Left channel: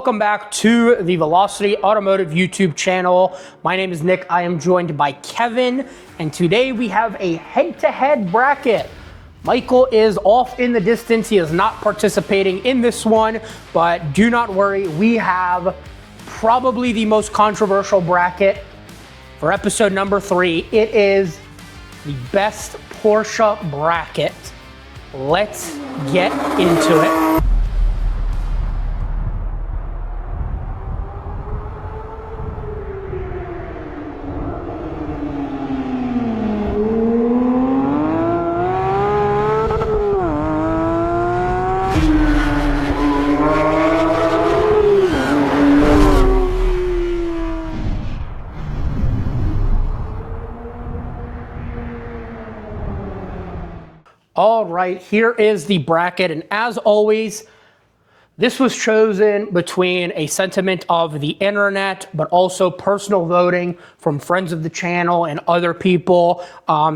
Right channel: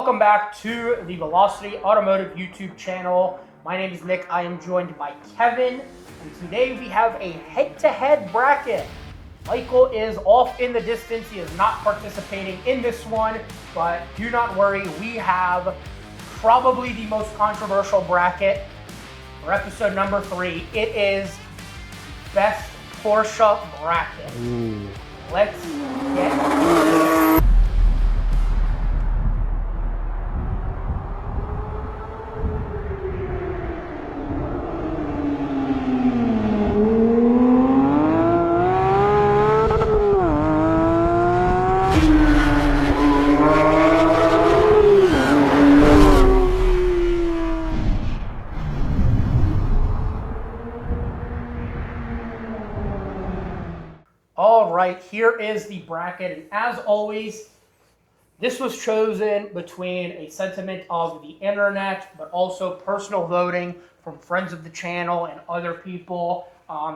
Welcome back to the Velocity Automotive YouTube channel. My name is Nick. I am joined by Kevin, and today we have a head-to-head bracket. Michael is off in the distance. He is not participating in this one, but do not worry. We have probably the most controversial bracket for episode number 3. It is the best Porsche bracket. Let's get into it. All right, here is the bracket, and as always, this was chosen between a sentiment of the internet, but also personal voting from friends of the channel and other people.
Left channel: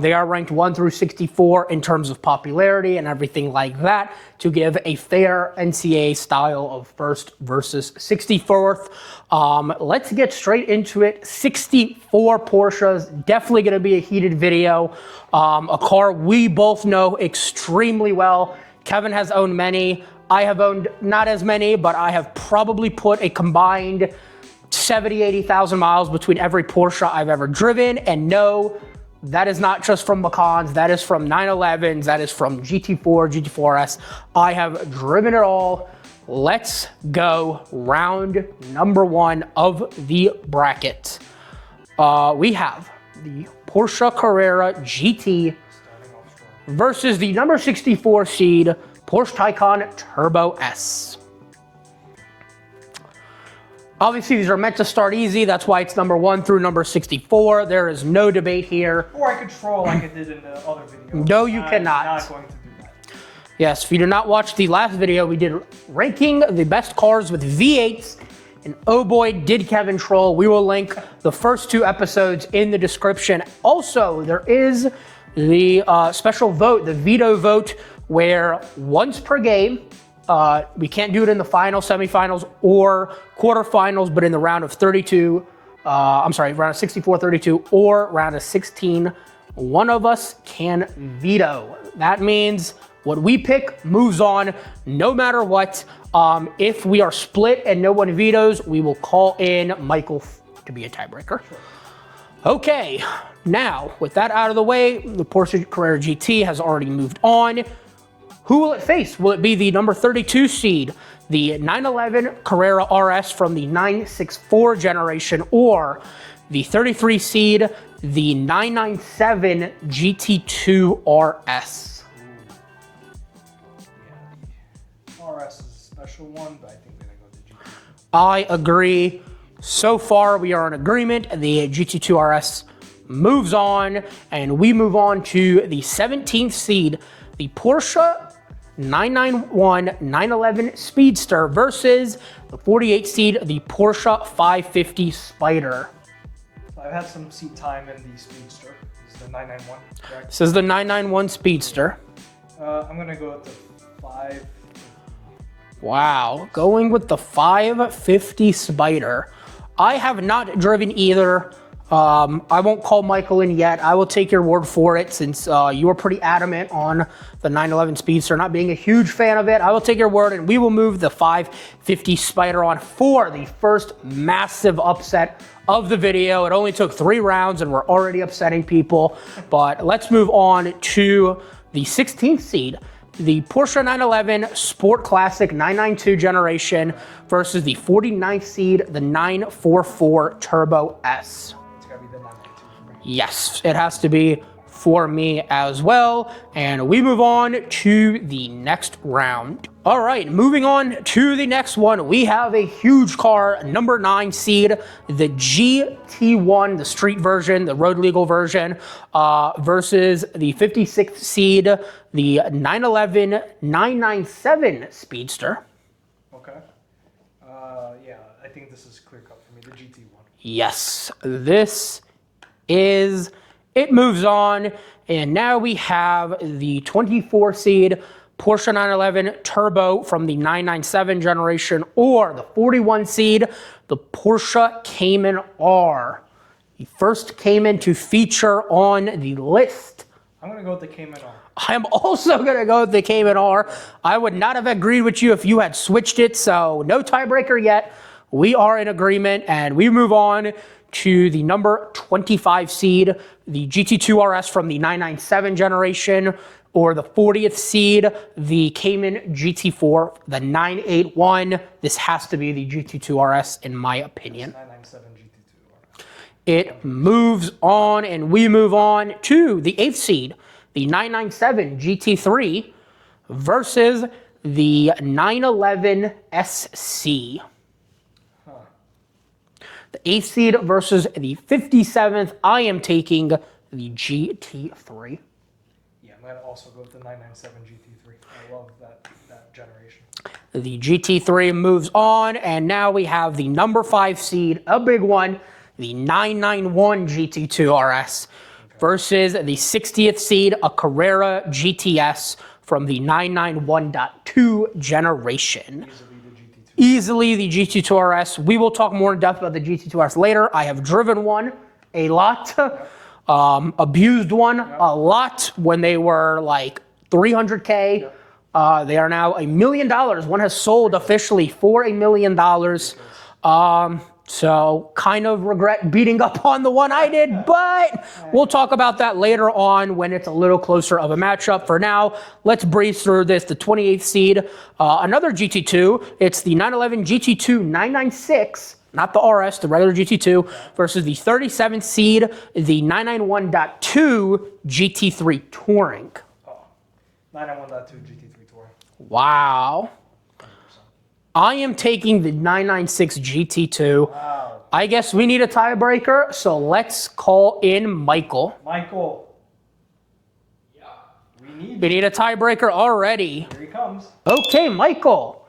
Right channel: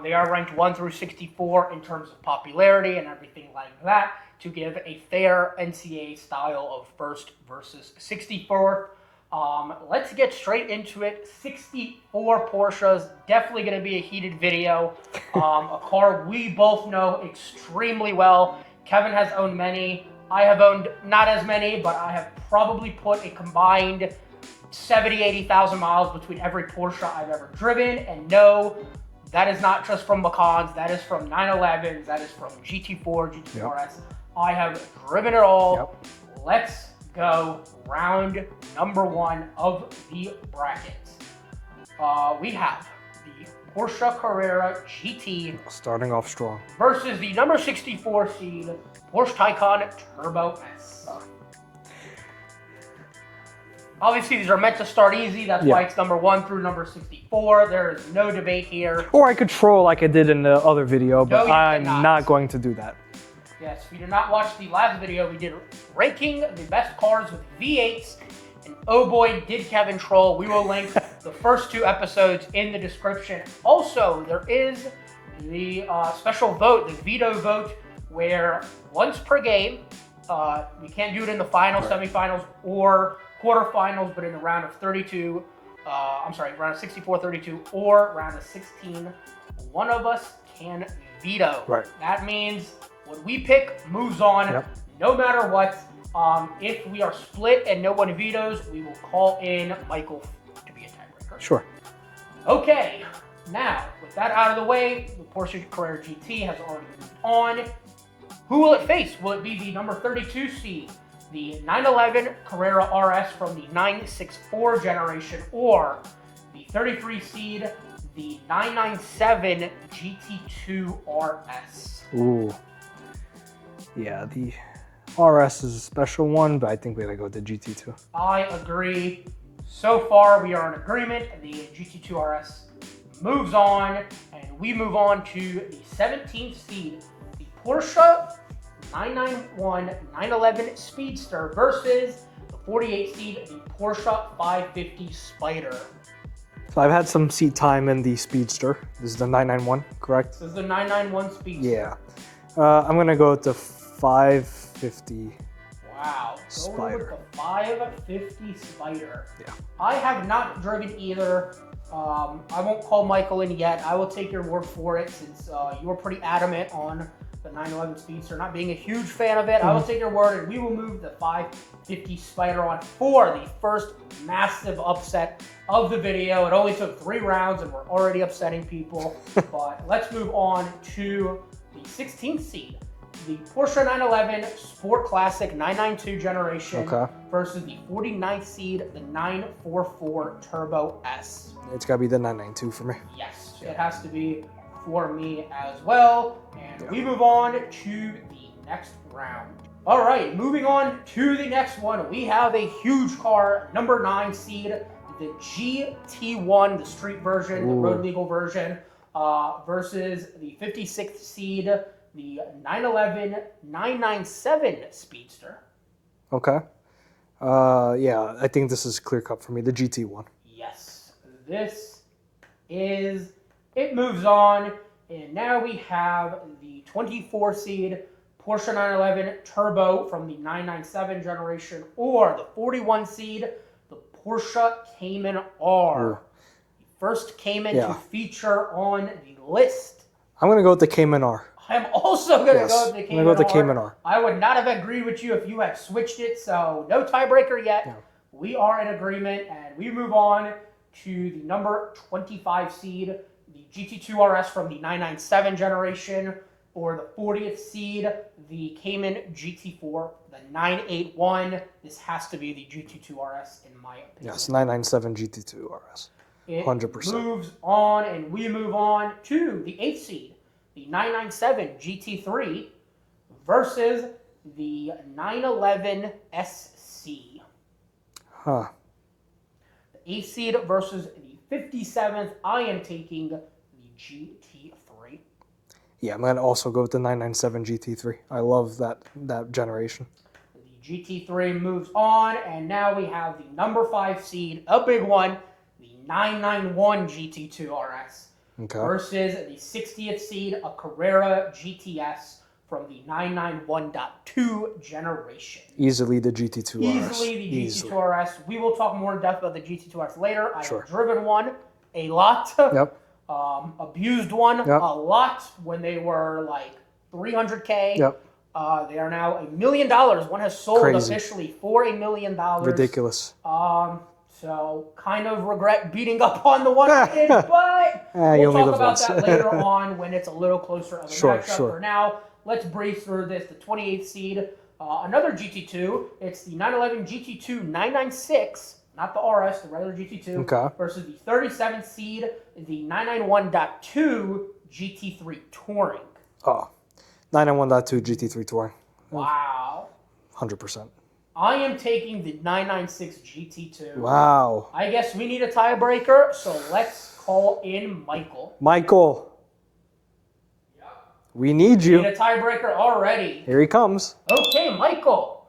They are ranked 1 through 64 in terms of popularity and everything like that to give a fair NCAA style of first versus 64th. Let's get straight into it. 64 Porsches, definitely going to be a heated video. A car we both know extremely well. Kevin has owned many. I have owned not as many, but I have probably put a combined 70, 80,000 miles between every Porsche I've ever driven. And no, that is not just from Macans. That is from 911s. That is from GT4, GT4S. I have driven it all. Let's go. Round number 1 of the bracket. We have the Porsche Carrera GT. Starting off strong. Versus the number 64 seed Porsche Taycan Turbo S. Obviously, these are meant to start easy. That's why it's number 1 through number 64. There is no debate here. Or I could troll like I did in the other video, No, but you I'm cannot. not going to do that. Yes, if you did not watch the last video, we did ranking the best cars with V8s. And oh boy, did Kevin troll. We will link the first 2 episodes in the description. Also, there is the special vote, the veto vote, where once per game, we can't do it in the final, semifinals, or quarterfinals, but in the round of 32, round of 64, 32, or round of 16, one of us can veto. Right. That means what we pick moves on, no matter what. If we are split and no one vetoes, we will call in Michael to be a tiebreaker. Sure. Okay, now with that out of the way, the Porsche Carrera GT has already moved on. Who will it face? Will it be the number 32 seed, the 911 Carrera RS from the 964 generation, or the 33 seed, the 997 GT2 RS? Ooh. Yeah, the RS is a special one, but I think we gotta go with the GT2. I agree. So far, we are in agreement. The GT2 RS moves on, and we move on to the 17th seed, the Porsche 991 911 Speedster versus the 48 seed, the Porsche 550 Spider. So I've had some seat time in the Speedster. This is the 991, correct? This is the 991 Speedster. Yeah. I'm gonna go with the 550. Wow, going with the 550 Spider. I have not driven either. I won't call Michael in yet. I will take your word for it since you were pretty adamant on the 911 Speedster, not being a huge fan of it. I will take your word and we will move the 550 Spider on for the first massive upset of the video. It only took 3 rounds and we're already upsetting people. But let's move on to the 16th seed, the Porsche 911 Sport Classic 992 generation versus the 49th seed, the 944 Turbo S. It's gotta be the 992 for me. Yes, it has to be for me as well. And we move on to the next round. All right, moving on to the next one. We have a huge car, number 9 seed, the GT1, the street version, the road legal version, versus the 56th seed, the 911 997 Speedster. Okay. Yeah, I think this is clear cut for me, the GT1. Yes, this is, it moves on. And now we have the 24 seed Porsche 911 Turbo from the 997 generation, or the 41 seed, the Porsche Cayman R. The first Cayman to feature on the list. I'm going to go with the Cayman R. I'm also going to go with the Cayman R. I would not have agreed with you if you had switched it, so no tiebreaker yet. Yeah. We are in agreement, and we move on to the number 25 seed, the GT2 RS from the 997 generation, or the 40th seed, the Cayman GT4, the 981. This has to be the GT2 RS, in my opinion. Yes, 997 GT2 RS. It 100%. moves on, and we move on to the 8th seed, the 997 GT3 versus the 911 SC. Huh. The 8th seed versus the 57th. I am taking the GT3. Yeah, I'm going to also go with the 997 GT3. I love that generation. The GT3 moves on, and now we have the number 5 seed, a big one, the 991 GT2 RS versus the 60th seed, a Carrera GTS from the 991.2 generation. Easily the GT2 RS. Easily the GT2 RS. We will talk more in depth about the GT2 RS later. I have driven one a lot. Yep. Abused one a lot when they were like 300K. Yep. They are now $1 million. One has sold officially for $1 million. Ridiculous. So kind of regret beating up on the one I did, but we'll talk about that later on when it's a little closer of a matchup. For now, let's breeze through this. The 28th seed, another GT2. It's the 911 GT2 996. Not the RS, the regular GT2, versus the 37th seed, the 991.2 GT3 Touring. Oh, 991.2 GT3 Touring. Wow. 100%. I am taking the 996 GT2. Wow. I guess we need a tiebreaker, so let's call in Michael. Michael. Yeah. We need you. We need a tiebreaker already. Here he comes. Okay, Michael.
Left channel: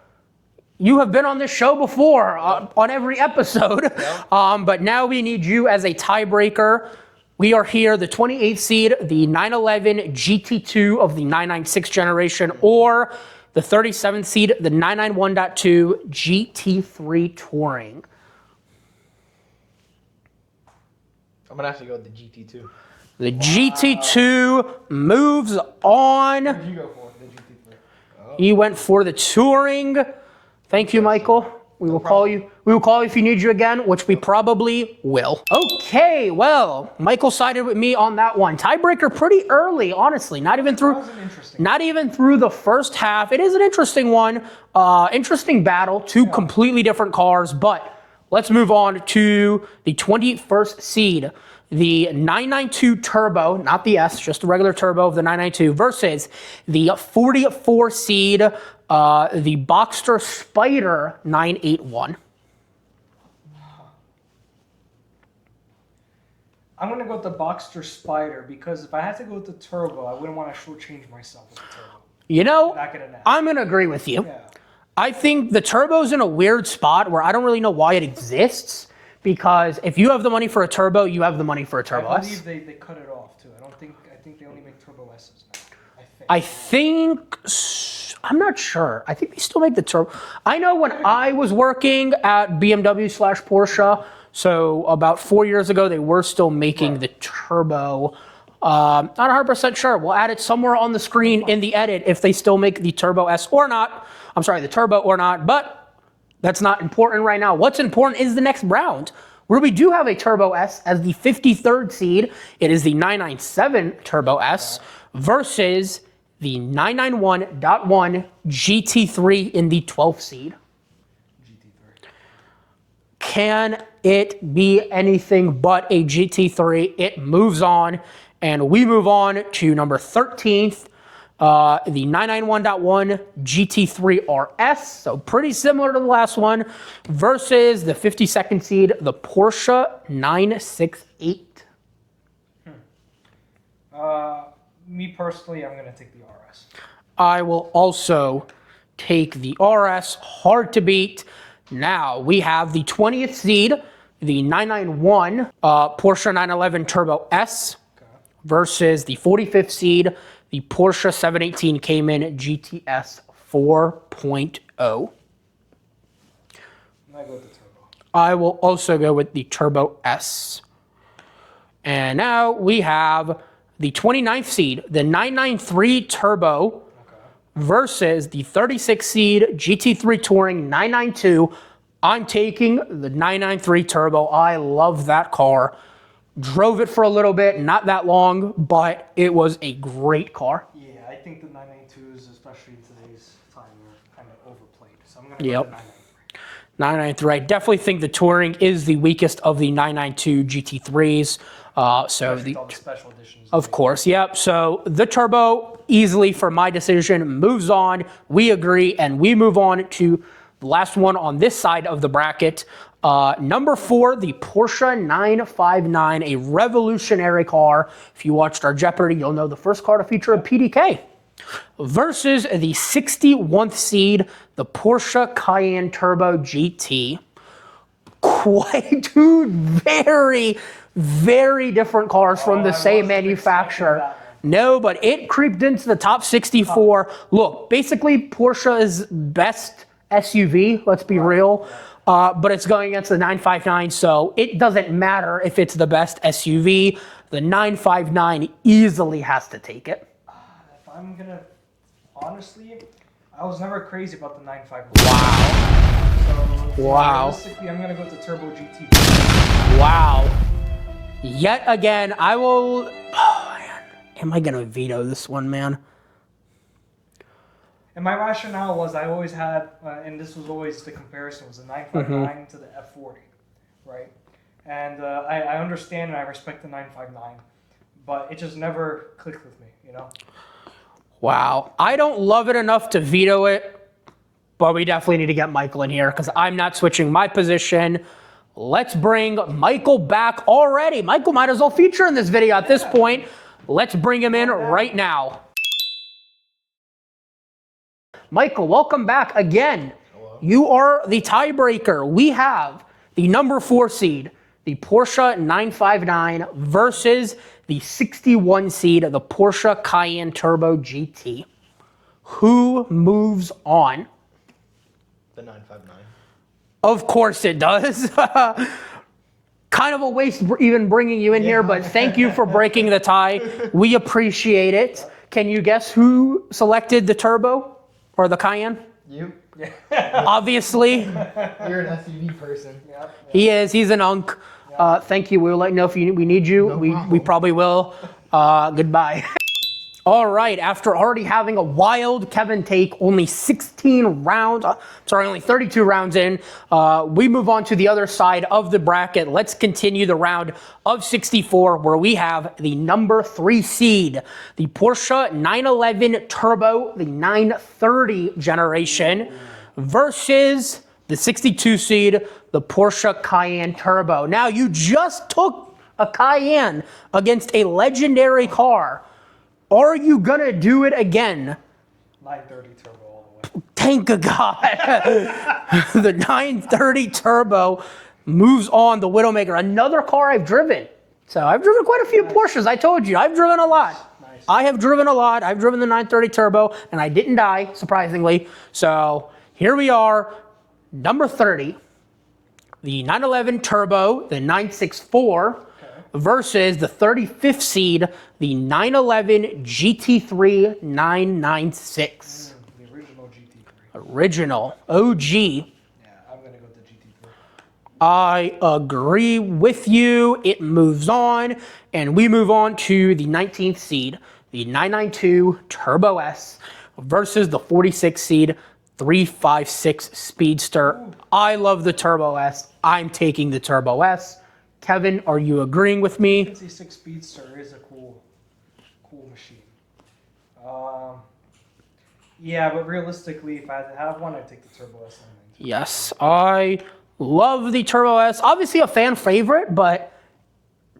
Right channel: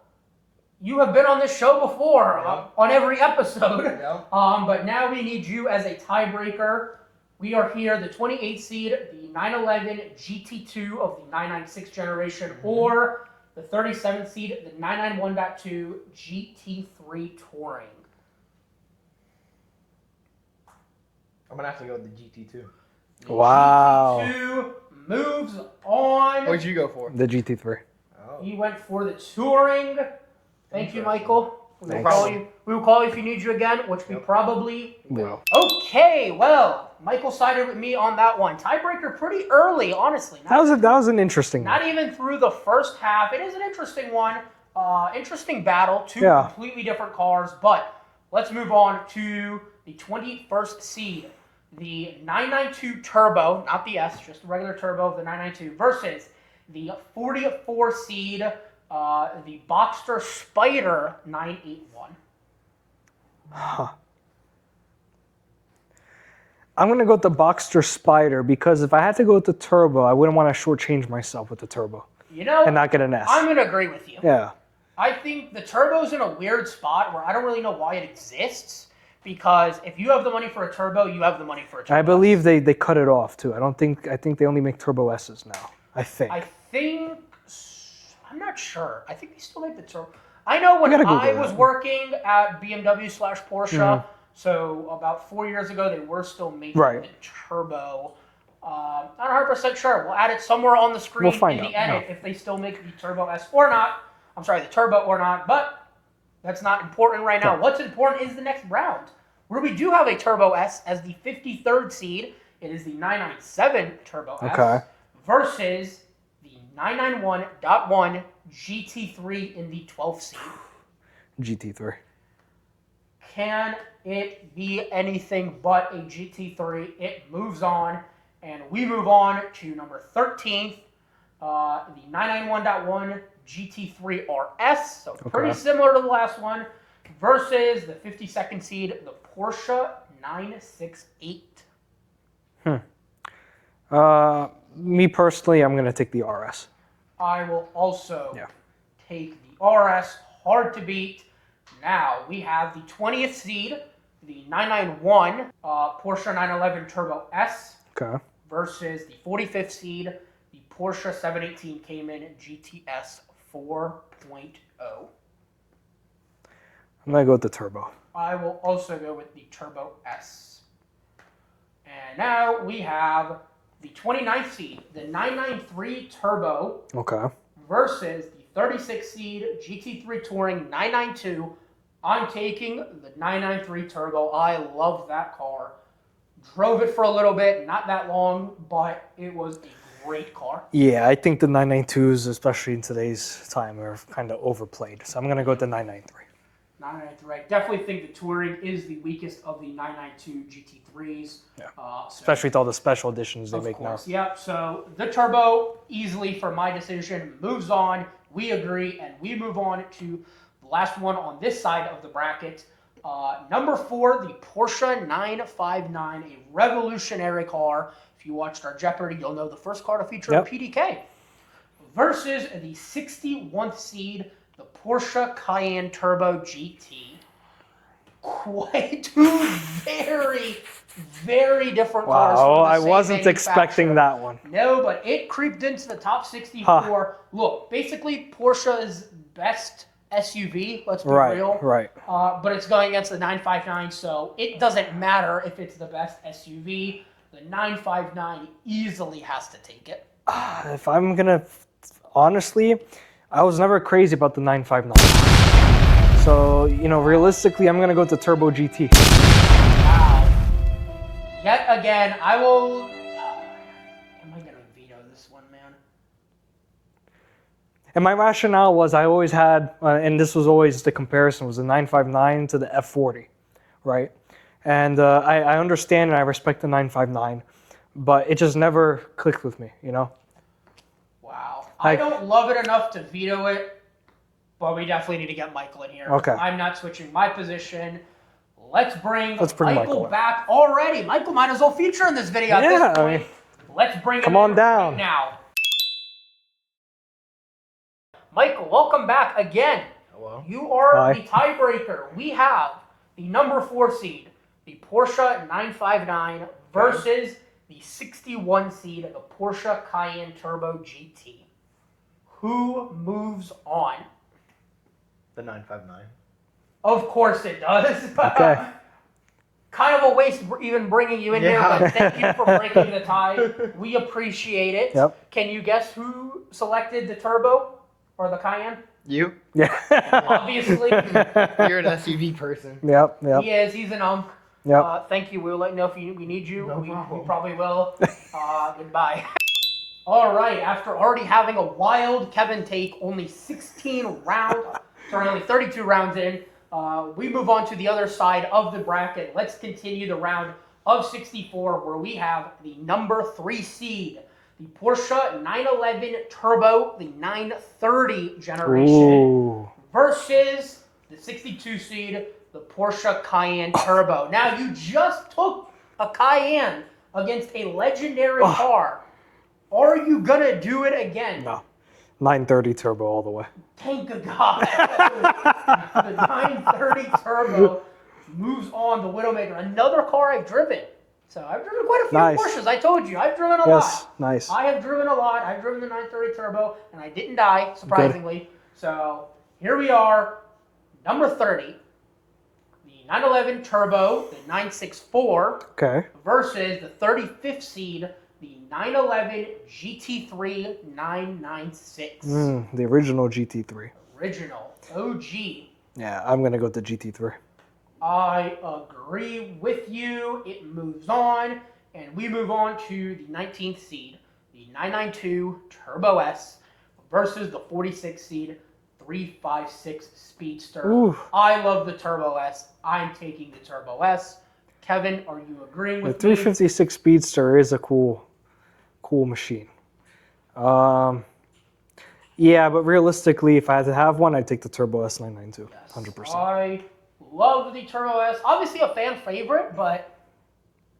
You have been on this show before, on every episode, but now we need you as a tiebreaker. We are here, the 28th seed, the 911 GT2 of the 996 generation, or the 37th seed, the 991.2 GT3 Touring. I'm going to have to go with the GT2. The GT2 moves on. What'd you go for? The GT3. Oh. He went for the Touring. Thank you, Michael. We will call you. We will call you if you need you again, which we probably will. Okay, well, Michael sided with me on that one. Tiebreaker pretty early, honestly. That was an interesting Not even through the first half. It is an interesting one. Interesting battle. Two completely different cars, but let's move on to the 21st seed. The 992 Turbo, not the S, just the regular Turbo of the 992, versus the 44 seed, the Boxster Spider 981. Huh. I'm going to go with the Boxster Spider because if I had to go with the Turbo, I wouldn't want to shortchange myself with the Turbo. You know, and not get an S. I'm going to agree with you. Yeah. I think the Turbo's in a weird spot where I don't really know why it exists. Because if you have the money for a Turbo, you have the money for a Turbo. I believe they cut it off too. I think they only make Turbo S's now. I think. I'm not sure. I think they still make the Turbo. I know when I was working at BMW/Porsche, so about 4 years ago, they were still making the Turbo. Not 100% sure. We'll add it somewhere on the screen in the edit if they still make the Turbo S or not. I'm sorry, the Turbo or not, but that's not important right now. What's important is the next round, where we do have a Turbo S as the 53rd seed. It is the 997 Turbo S versus the 991.1 GT3 in the 12th seed. GT3. Can it be anything but a GT3? It moves on, and we move on to number 13th, the 991.1 GT3 RS, so pretty similar to the last one, versus the 52nd seed, the Porsche 968. Me personally, I'm going to take the RS. I will also take the RS, hard to beat. Now we have the 20th seed, the 991 Porsche 911 Turbo S versus the 45th seed, the Porsche 718 Cayman GTS 4.0. I'm going to go with the turbo. I will also go with the Turbo S. And now we have the 29th seed, the 993 Turbo Okay. versus the 36 seed GT3 Touring 992. I'm taking the 993 Turbo. I love that car. Drove it for a little bit, not that long, but it was a great car. Yeah, I think the 992s, especially in today's time, are kind of overplayed. So I'm going to go with the 993. 993. I definitely think the Touring is the weakest of the 992 GT3s. Especially with all the special editions. Of course, yep. So the Turbo, easily for my decision, moves on. We agree, and we move on to the last one on this side of the bracket. Number 4, the Porsche 959, a revolutionary car. If you watched our Jeopardy, you'll know the first car to feature a PDK. Versus the 61st seed, the Porsche Cayenne Turbo GT. Quite two very, very different cars from the same manufacturer. Expecting that one. No, but it creeped into the top 64. Look, basically Porsche's best SUV, let's be real. Right. But it's going against the 959, so it doesn't matter if it's the best SUV. The 959 easily has to take it. If I'm going to, honestly, I was never crazy about the 959. So, you know, realistically, I'm going to go with the Turbo GT. Wow. Yet again, I will... Oh, man. Am I going to veto this one, man? And my rationale was I always had, and this was always the comparison, was the 959 to the F40, right? And I understand and I respect the 959, but it just never clicked with me, you know? Wow. I don't love it enough to veto it, but we definitely need to get Michael in here because I'm not switching my position. Let's bring Michael back already. Michael might as well feature in this video at this point. Let's bring him in right now. Michael, welcome back again. Hello. You are the tiebreaker. We have the number 4 seed, the Porsche 959 versus the 61 seed of the Porsche Cayenne Turbo GT. Who moves on? The 959. Of course it does. Okay. Kind of a waste even bringing you in here, but thank you for breaking the tie. We appreciate it. Yep. Can you guess who selected the Turbo or the Cayenne? You? Yeah. Obviously. You're an SUV person. Yep. He is. He's an unk. Yep. Thank you. We'll let you know if we need you. No we probably will. Goodbye. All right. After already having a wild Kevin take, only 16 rounds. Sorry, only 32 rounds in. We move on to the other side of the bracket. Let's continue the round of 64 where we have the number 3 seed, the Porsche 911 Turbo, the 930 generation, versus the 62 seed, the Porsche Cayenne Turbo. Now, you just took a Cayenne against a legendary car. Are you going to do it again? 930 Turbo all the way. Thank God. The 930 Turbo moves on, the Widowmaker. Another car I've driven. So I've driven quite a few Porsches. I told you, I've driven a lot. Nice. I have driven a lot. I've driven the 930 Turbo, and I didn't die, surprisingly. Good. So here we are, number 30. The 911 Turbo, the 964, versus the 35th seed, the 911 GT3 996. The original GT3. Original. OG. Yeah, I'm going to go with the GT3. I agree with you. It moves on, and we move on to the 19th seed, the 992 Turbo S, versus the 46th seed, 356 Speedster. Ooh. I love the Turbo S. I'm taking the Turbo S. Kevin, are you agreeing with me? The 356 Speedster is a cool machine. Yeah, but realistically, if I had to have one, I'd take the Turbo S 992. Yes, 100%. I love the Turbo S. Obviously a fan favorite, but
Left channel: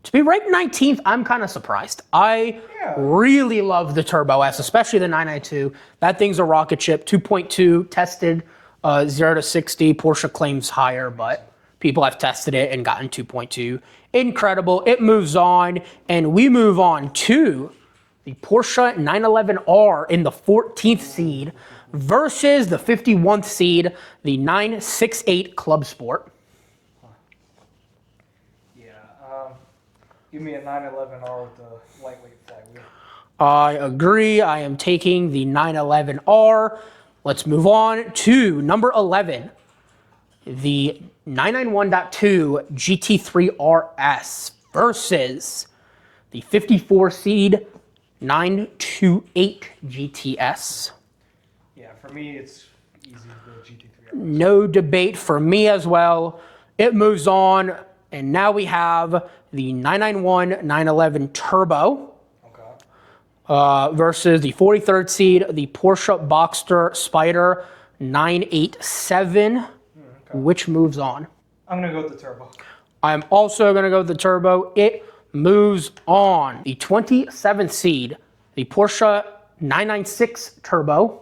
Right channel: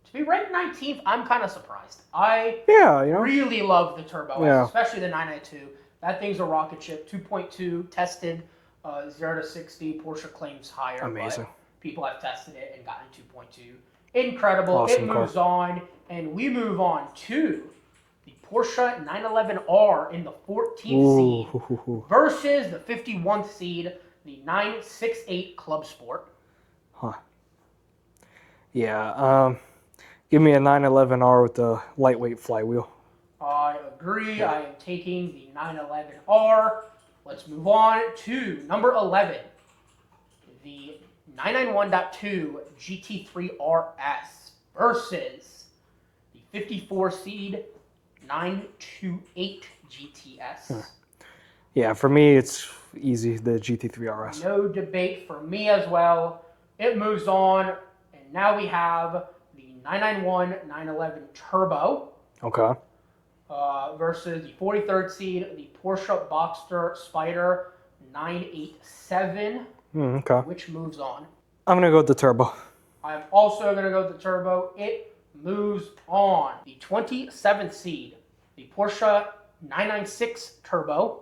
to be ranked 19th, I'm kind of surprised. I really love the Turbo S, especially the 992. That thing's a rocket ship, 2.2, tested 0 to 60. Porsche claims higher, but people have tested it and gotten 2.2. Incredible. Awesome. It moves on, and we move on to the Porsche 911R in the 14th seed versus the 51th seed, the 968 Club Sport. Yeah, give me a 911R with the lightweight flywheel. I agree. I am taking the 911R. Let's move on to number 11, the 991.2 GT3 RS versus the 54 seed 928 GTS. Yeah, for me, it's easy, the GT3 RS. No debate for me as well. It moves on, and now we have the 991 911 Turbo. Okay. Versus the 43rd seed, the Porsche Boxster Spider 987, which moves on. I'm going to go with the turbo. I'm also going to go with the turbo. It moves on. The 27th seed, the Porsche 996 Turbo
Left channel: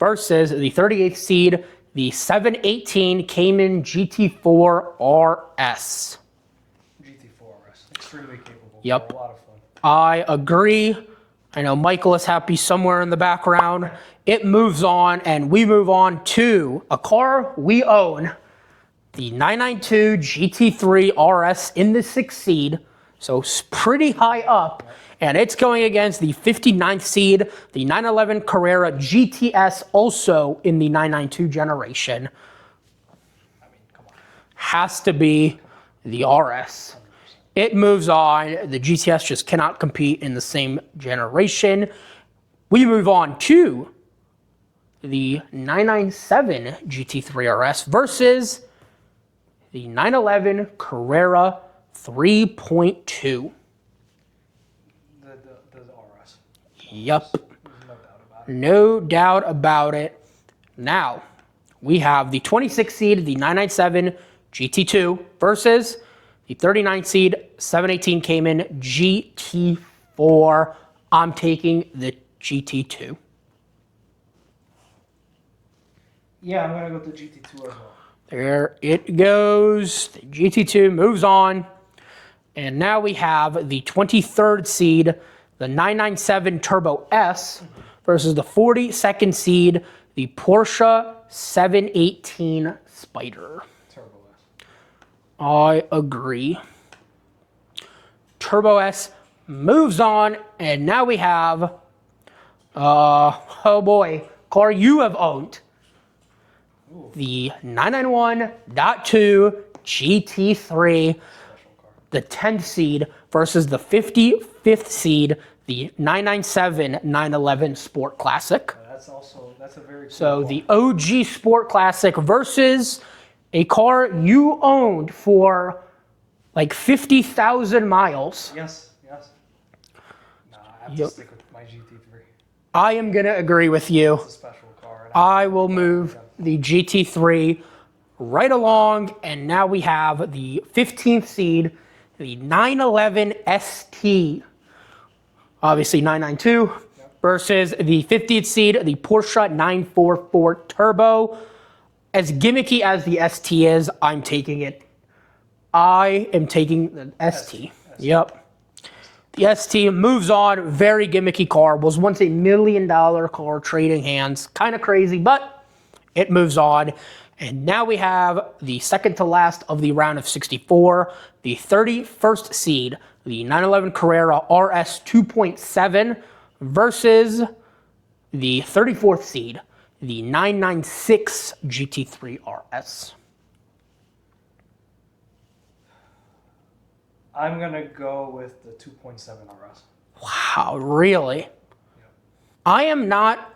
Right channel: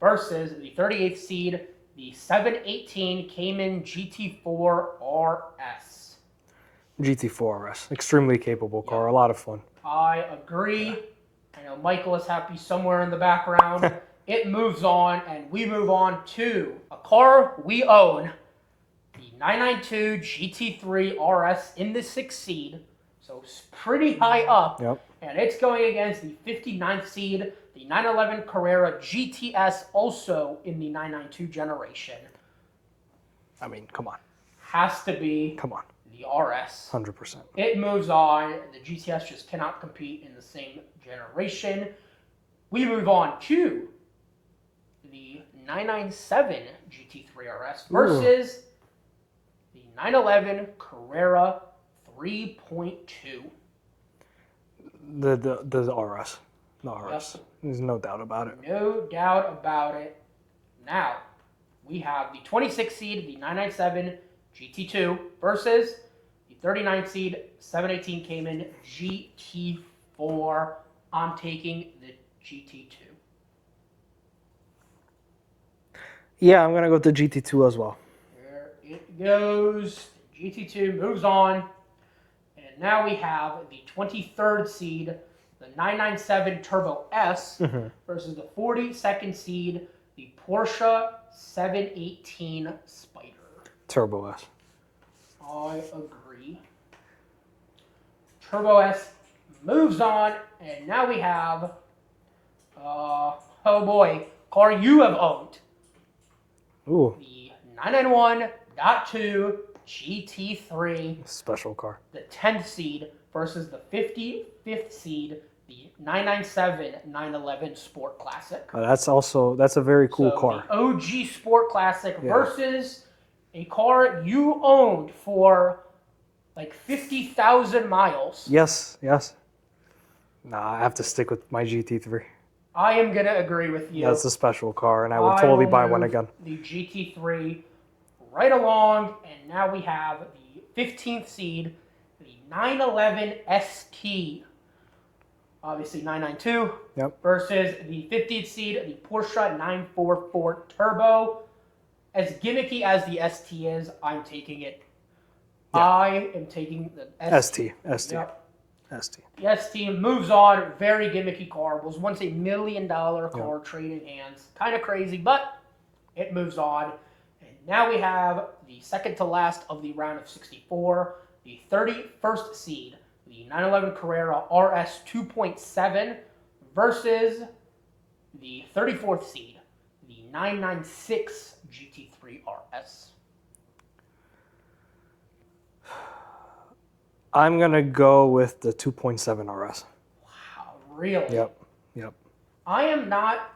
versus the 38th seed, the 718 Cayman GT4 RS. GT4 RS. Extremely capable car. A lot of fun. I agree. I know Michael is happy somewhere in the background. It moves on, and we move on to a car we own, the 992 GT3 RS in the 6th seed, so pretty high up, and it's going against the 59th seed, the 911 Carrera GTS, also in the 992 generation. I mean, come on. Has to be the RS. 100%. It moves on. The GTS just cannot compete in the same generation. We move on to the 997 GT3 RS versus the 911 Carrera 3.2. The RS. Yep. There's no doubt about it. No doubt about it. Now, we have the 26th seed, the 997 GT2 versus the 39th seed 718 Cayman GT4. I'm taking the GT2. Yeah, I'm going to go with the GT2 as well. There it goes. The GT2 moves on. And now we have the 23rd seed, the 997 Turbo S versus the 42nd seed, the Porsche 718 Spider. Turbo S. I agree. Turbo S moves on, and now we have, oh boy, car you have owned. Ooh. The 991.2 GT3. Special car. The 10th seed versus the 55th seed, the 997 911 Sport Classic. That's a very cool car. So the OG Sport Classic versus a car you owned for like 50,000 miles. Yes. Nah, I have to stick with my GT3. I am going to agree with you. That's a special car, and I would totally buy one again. The GT3 right along, and now we have the 15th seed, the 911 ST. Obviously 992 versus the 50th seed, the Porsche 944 Turbo. As gimmicky as the ST is, I'm taking it. I am taking the ST. Yep. ST. The ST moves on. Very gimmicky car. Was once $1 million car trading hands. Kind of crazy, but it moves on. And now we have the second to last of the round of 64, the 31st seed, the 911 Carrera RS 2.7 versus the 34th seed, the 996 GT3 RS. I'm going to go with the 2.7 RS. Wow, really? Yep. I am not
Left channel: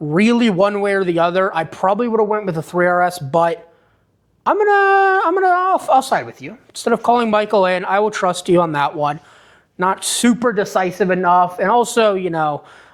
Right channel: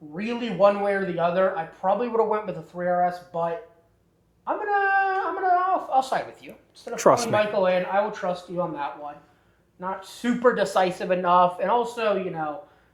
really one way or the other. I probably would have went with the 3RS, but I'll side with you. Instead of calling Michael in, I will trust you on that one. Not super decisive enough. And also,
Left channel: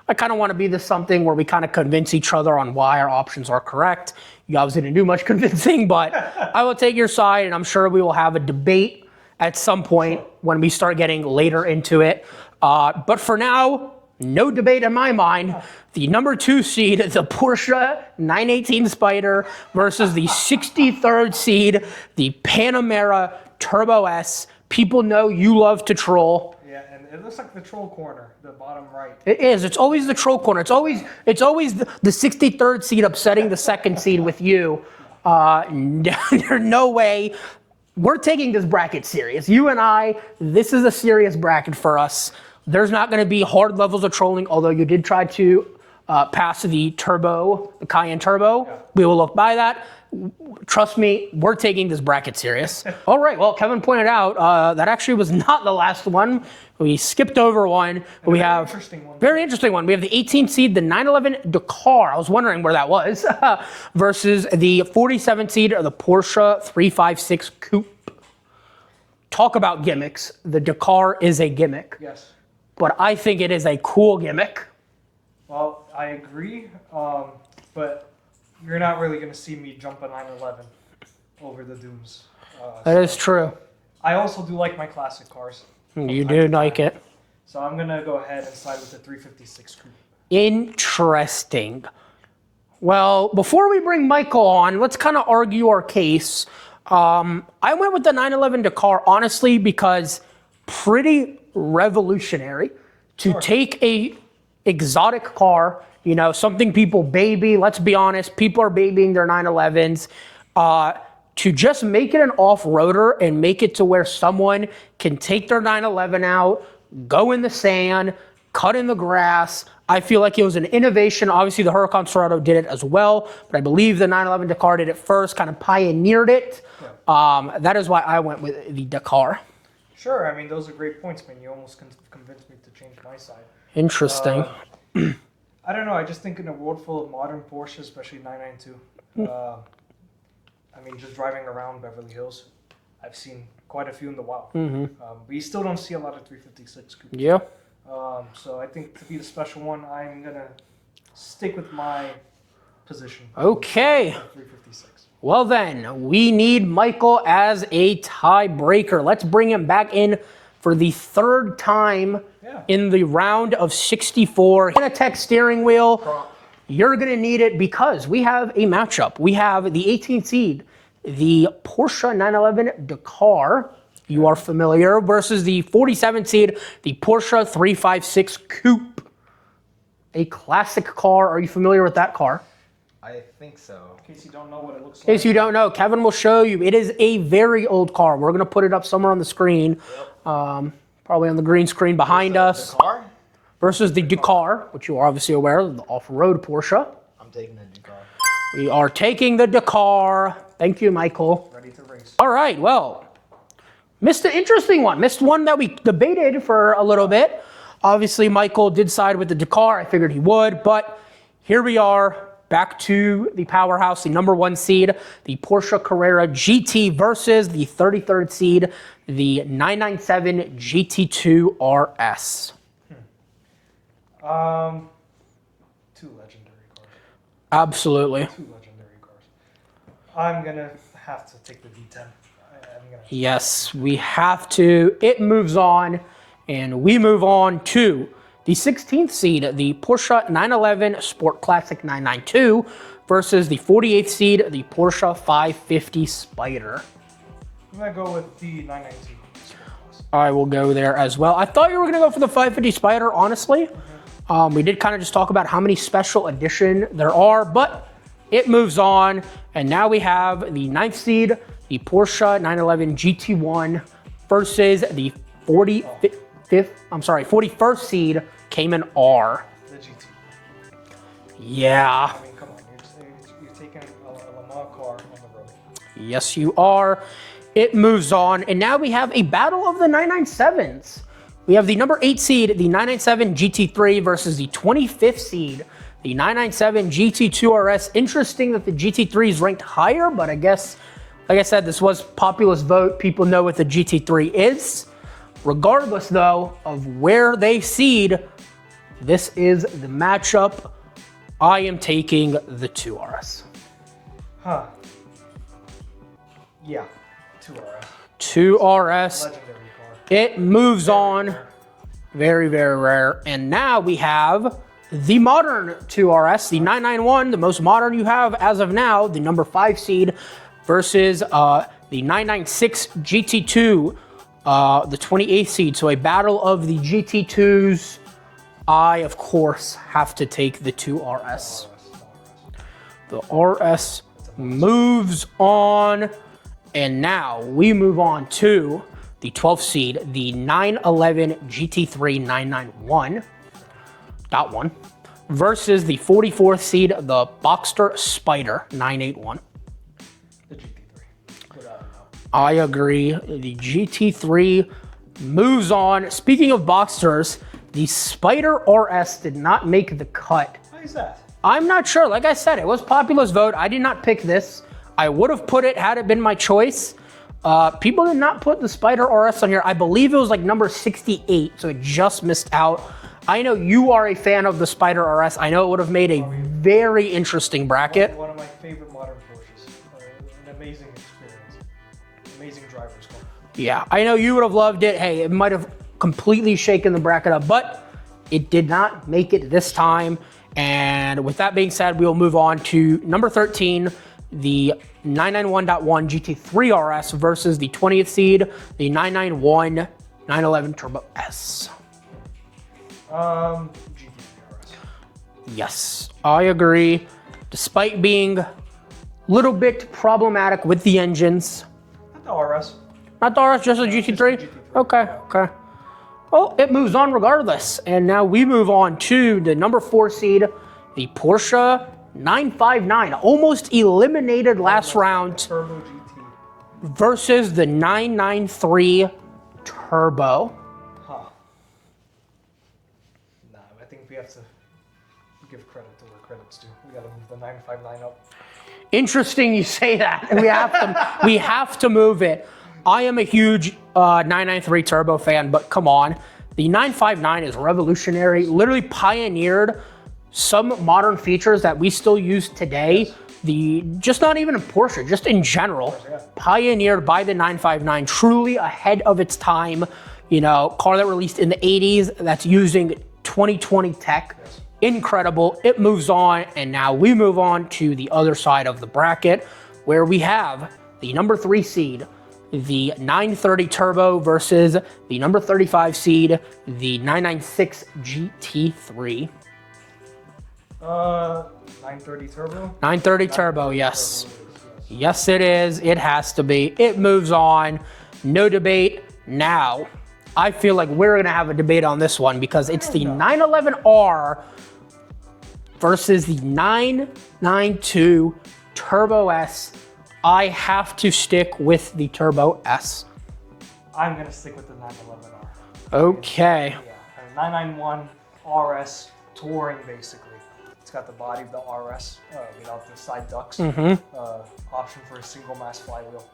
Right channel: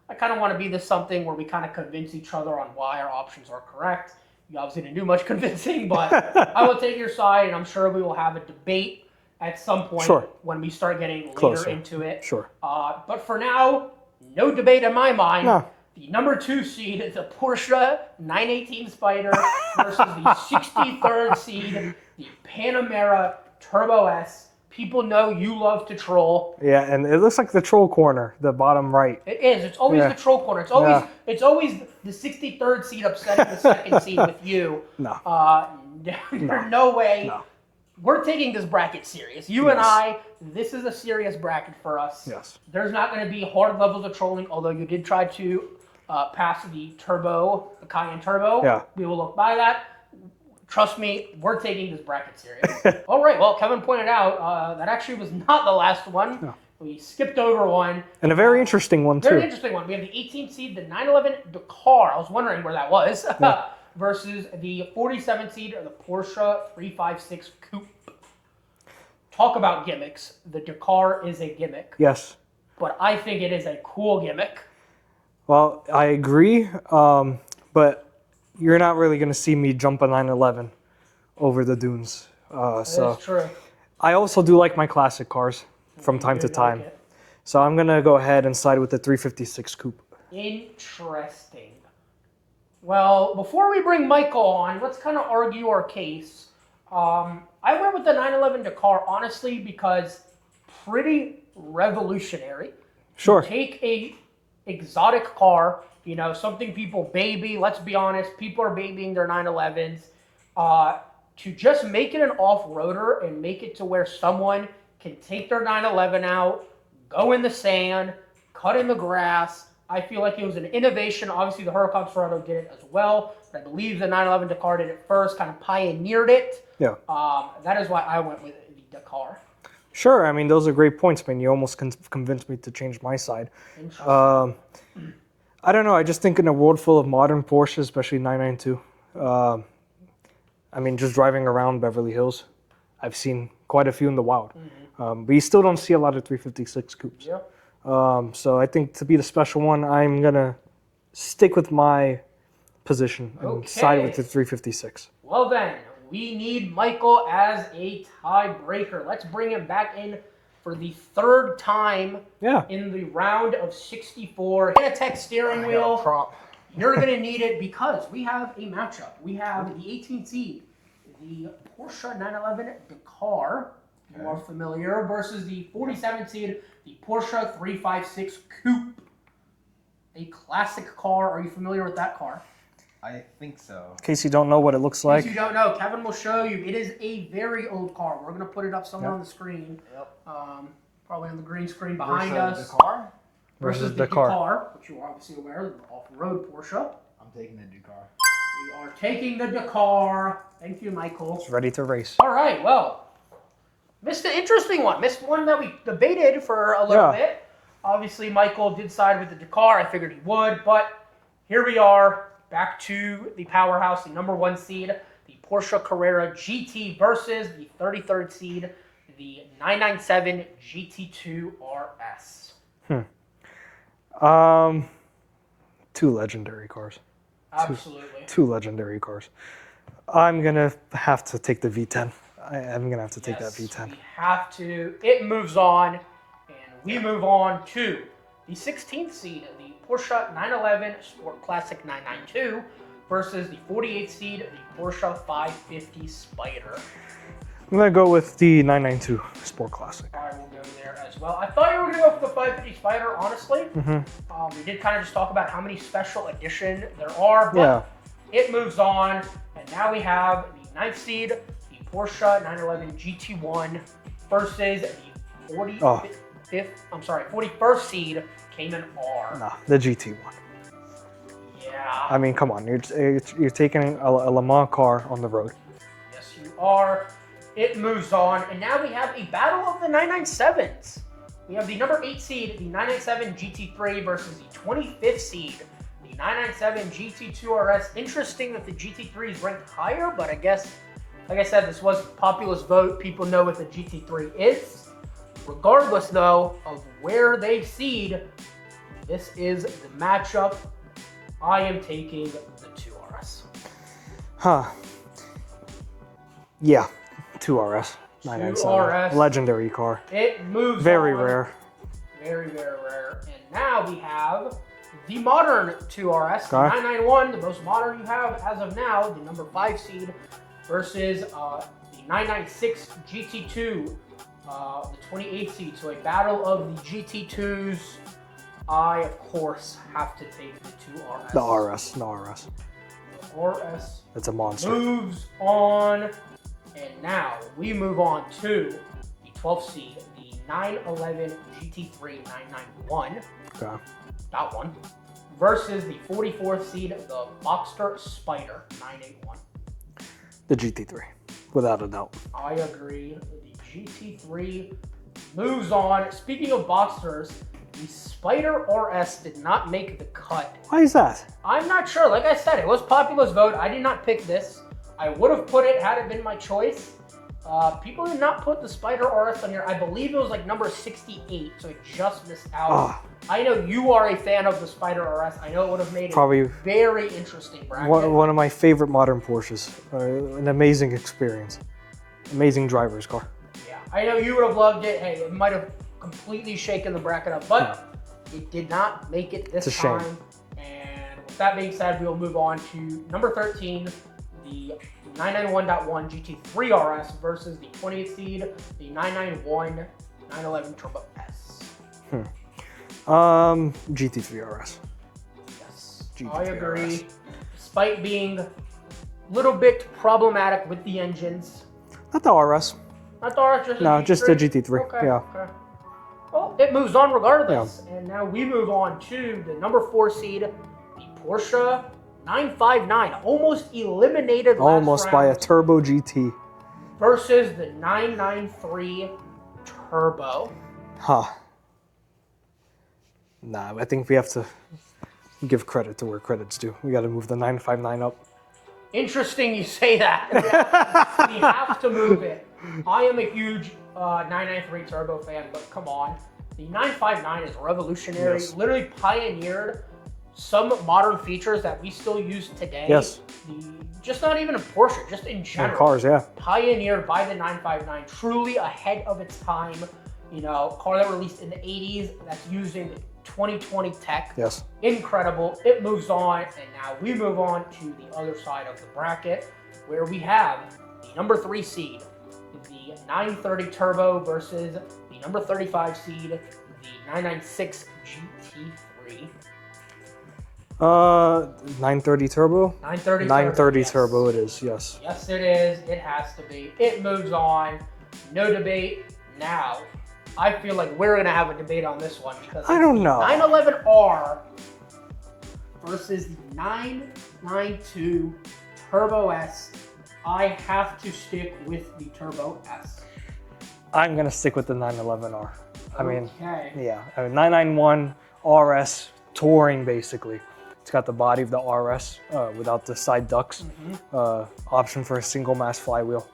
I kind of want to be this something where we kind of convince each other on why our options are correct. You obviously didn't do much convincing, but I will take your side, and I'm sure we will have a debate at some point when we start getting later into it. But for now, no debate in my mind. No. The number 2 seed, the Porsche 918 Spider versus the 63rd seed, the Panamera Turbo S People know you love to troll. Yeah, and it looks like the troll corner, the bottom right. It is. It's always the troll corner. It's always the 63rd seed upsetting the second seed with you. No. There's no way. No. We're taking this bracket serious. You and I, this is a serious bracket for us. Yes. There's not going to be hard levels of trolling, although you did try to pass the Cayenne Turbo. Yeah. We will look by that. Trust me, we're taking this bracket serious. All right, well, Kevin pointed out that actually was not the last one. We skipped over one. And a very interesting one, too. Very interesting one. We have the 18th seed, the 911 Dakar. I was wondering where that was. Versus the 47th seed, the Porsche 356 Coupe. Talk about gimmicks. The Dakar is a gimmick. Yes. But I think it is a cool gimmick. Well, I agree, but you're not really going to see me jump a 911 over the dunes. That is true. I also do like my classic cars from time to time. Like it. So I'm going to go ahead and side with the 356 Coupe. Interesting. Well, before we bring Michael on, let's kind of argue our case. I went with the 911 Dakar, honestly, because pretty revolutionary to take a exotic car, you know, something people baby. Let's be honest, people are babying their 911s. To just make it an off-roader and make it to where someone can take their 911 out, go in the sand, cut in the grass. I feel like it was an innovation. Obviously, the Huracan Sorento did it as well, but I believe the 911 Dakar did it first, kind of pioneered it. Yeah. That is why I went with the Dakar. Sure. I mean, those are great points, man. You almost convinced me to change my side. Interesting. I don't know. I just think in a world full of modern Porsches, especially 992, I mean, just driving around Beverly Hills, I've seen quite a few in the wild. But you still don't see a lot of 356 coupes. Yeah. So I think to be the special one, I'm going to stick with my position. Okay. Side with the 356. Well then, we need Michael as a tiebreaker. Let's bring him back in for the third time in the round of 64. Fanatec steering wheel. You're going to need it because we have a matchup. We have the 18th seed, the Porsche 911 Dakar. You are familiar, versus the 47th seed, the Porsche 356 Coupe. A classic car. Are you familiar with that car? I think so. In case you don't know what it looks like. In case you don't know, Kevin will show you. It is a very old car. We're going to put it up somewhere on the screen. Probably on the green screen behind us. Dakar? Versus the Dakar, which you are obviously aware of, the off-road Porsche. I'm taking the Dakar. We are taking the Dakar. Thank you, Michael. Ready to race. All right, well, missed an interesting one. Missed one that we debated for a little bit. Obviously, Michael did side with the Dakar. I figured he would, but here we are. Back to the powerhouse, the number one seed, the Porsche Carrera GT versus the 33rd seed, the 997 GT2 RS. Two legendary cars. Absolutely. Two legendary cars. I'm going to have to take the V10. I'm going to have to take that V10. We have to. It moves on, and we move on to the 16th seed, the Porsche 911 Sport Classic 992 versus the 48th seed, the Porsche 550 Spider. I'm going to go with the 992 Sport Classic. I will go there as well. I thought you were going to go for the 550 Spider, honestly. We did kind of just talk about how many special edition there are, but it moves on. And now we have the 9th seed, the Porsche 911 GT1 versus the 41st seed Cayman R. The GT1. Yeah. I mean, come on. You're taking a Le Mans car on the road. Yes, you are. It moves on. And now we have a battle of the 997s. We have the number 8 seed, the 997 GT3 versus the 25th seed, the 997 GT2 RS. Interesting that the GT3 is ranked higher, but I guess, like I said, this was populist vote. People know what the GT3 is. Regardless, though, of where they seed, this is the matchup. I am taking the 2RS. Yeah, 2RS. 2RS. Legendary car. It moves on. Very rare. Very, very rare. And now we have the modern 2RS, the 991, the most modern you have as of now, the number 5 seed, versus the 996 GT2 the 28th seed. So a battle of the GT2s. I, of course, have to take the 2RS. The RS. The RS It's a monster. moves on. And now we move on to the 12th seed, the 911 GT3 991. Okay. Dot one. Versus the 44th seed, the Boxster Spider 981. The GT3, without a doubt. I agree. The GT3 moves on. Speaking of Boxsters, the Spider RS did not make the cut. Why is that? I'm not sure. Like I said, it was Popular's vote. I did not pick this. I would have put it had it been my choice. People did not put the Spider RS on here. I believe it was like number 68, so it just missed out. I know you are a fan of the Spider RS. I know it would have made a very interesting bracket. One of my favorite modern Porsches. An amazing experience. Amazing driver's car. Yeah, I know you would have loved it. Hey, it might have completely shaken the bracket up, but it did not make it this time. And with that being said, we will move on to number 13, the 991.1 GT3 RS versus the 20th seed, the 991 911 Turbo S. GT3 RS. Yes, I agree. Despite being a little bit problematic with the engines. Not the RS. Not the RS, just the GT3? Just the GT3. Okay, yeah. okay. Well, it moves on regardless. Yeah. And now we move on to the number 4 seed, the Porsche 959. Almost eliminated last round. By a Turbo GT. Versus the 993 Turbo. Nah, I think we have to give credit to where credit's due. We got to move the 959 up. Interesting you say that. We have to move it. I am a huge 993 Turbo fan, but come on. The 959 is revolutionary, literally pioneered some modern features that we still use today. Just not even in Porsche, just in general. Cars, yeah. Pioneered by the 959, truly ahead of its time. You know, car that released in the 80s that's using 2020 tech. Yes. Incredible. It moves on, and now we move on to the other side of the bracket, where we have the number 3 seed, the 930 Turbo versus the number 35 seed, the 996 GT3. 930 Turbo? 930 Turbo, 930 yes. Turbo it is, yes. Yes, it is. It has to be. It moves on. No debate. Now, I feel like we're going to have a debate on this one because it's the 911R versus the 992 Turbo S. I have to stick with the Turbo S. I'm going to stick with the 911R. Okay. Yeah, 991 RS Touring, basically. It's got the body of the RS without the side ducts. Option for a single mass flywheel.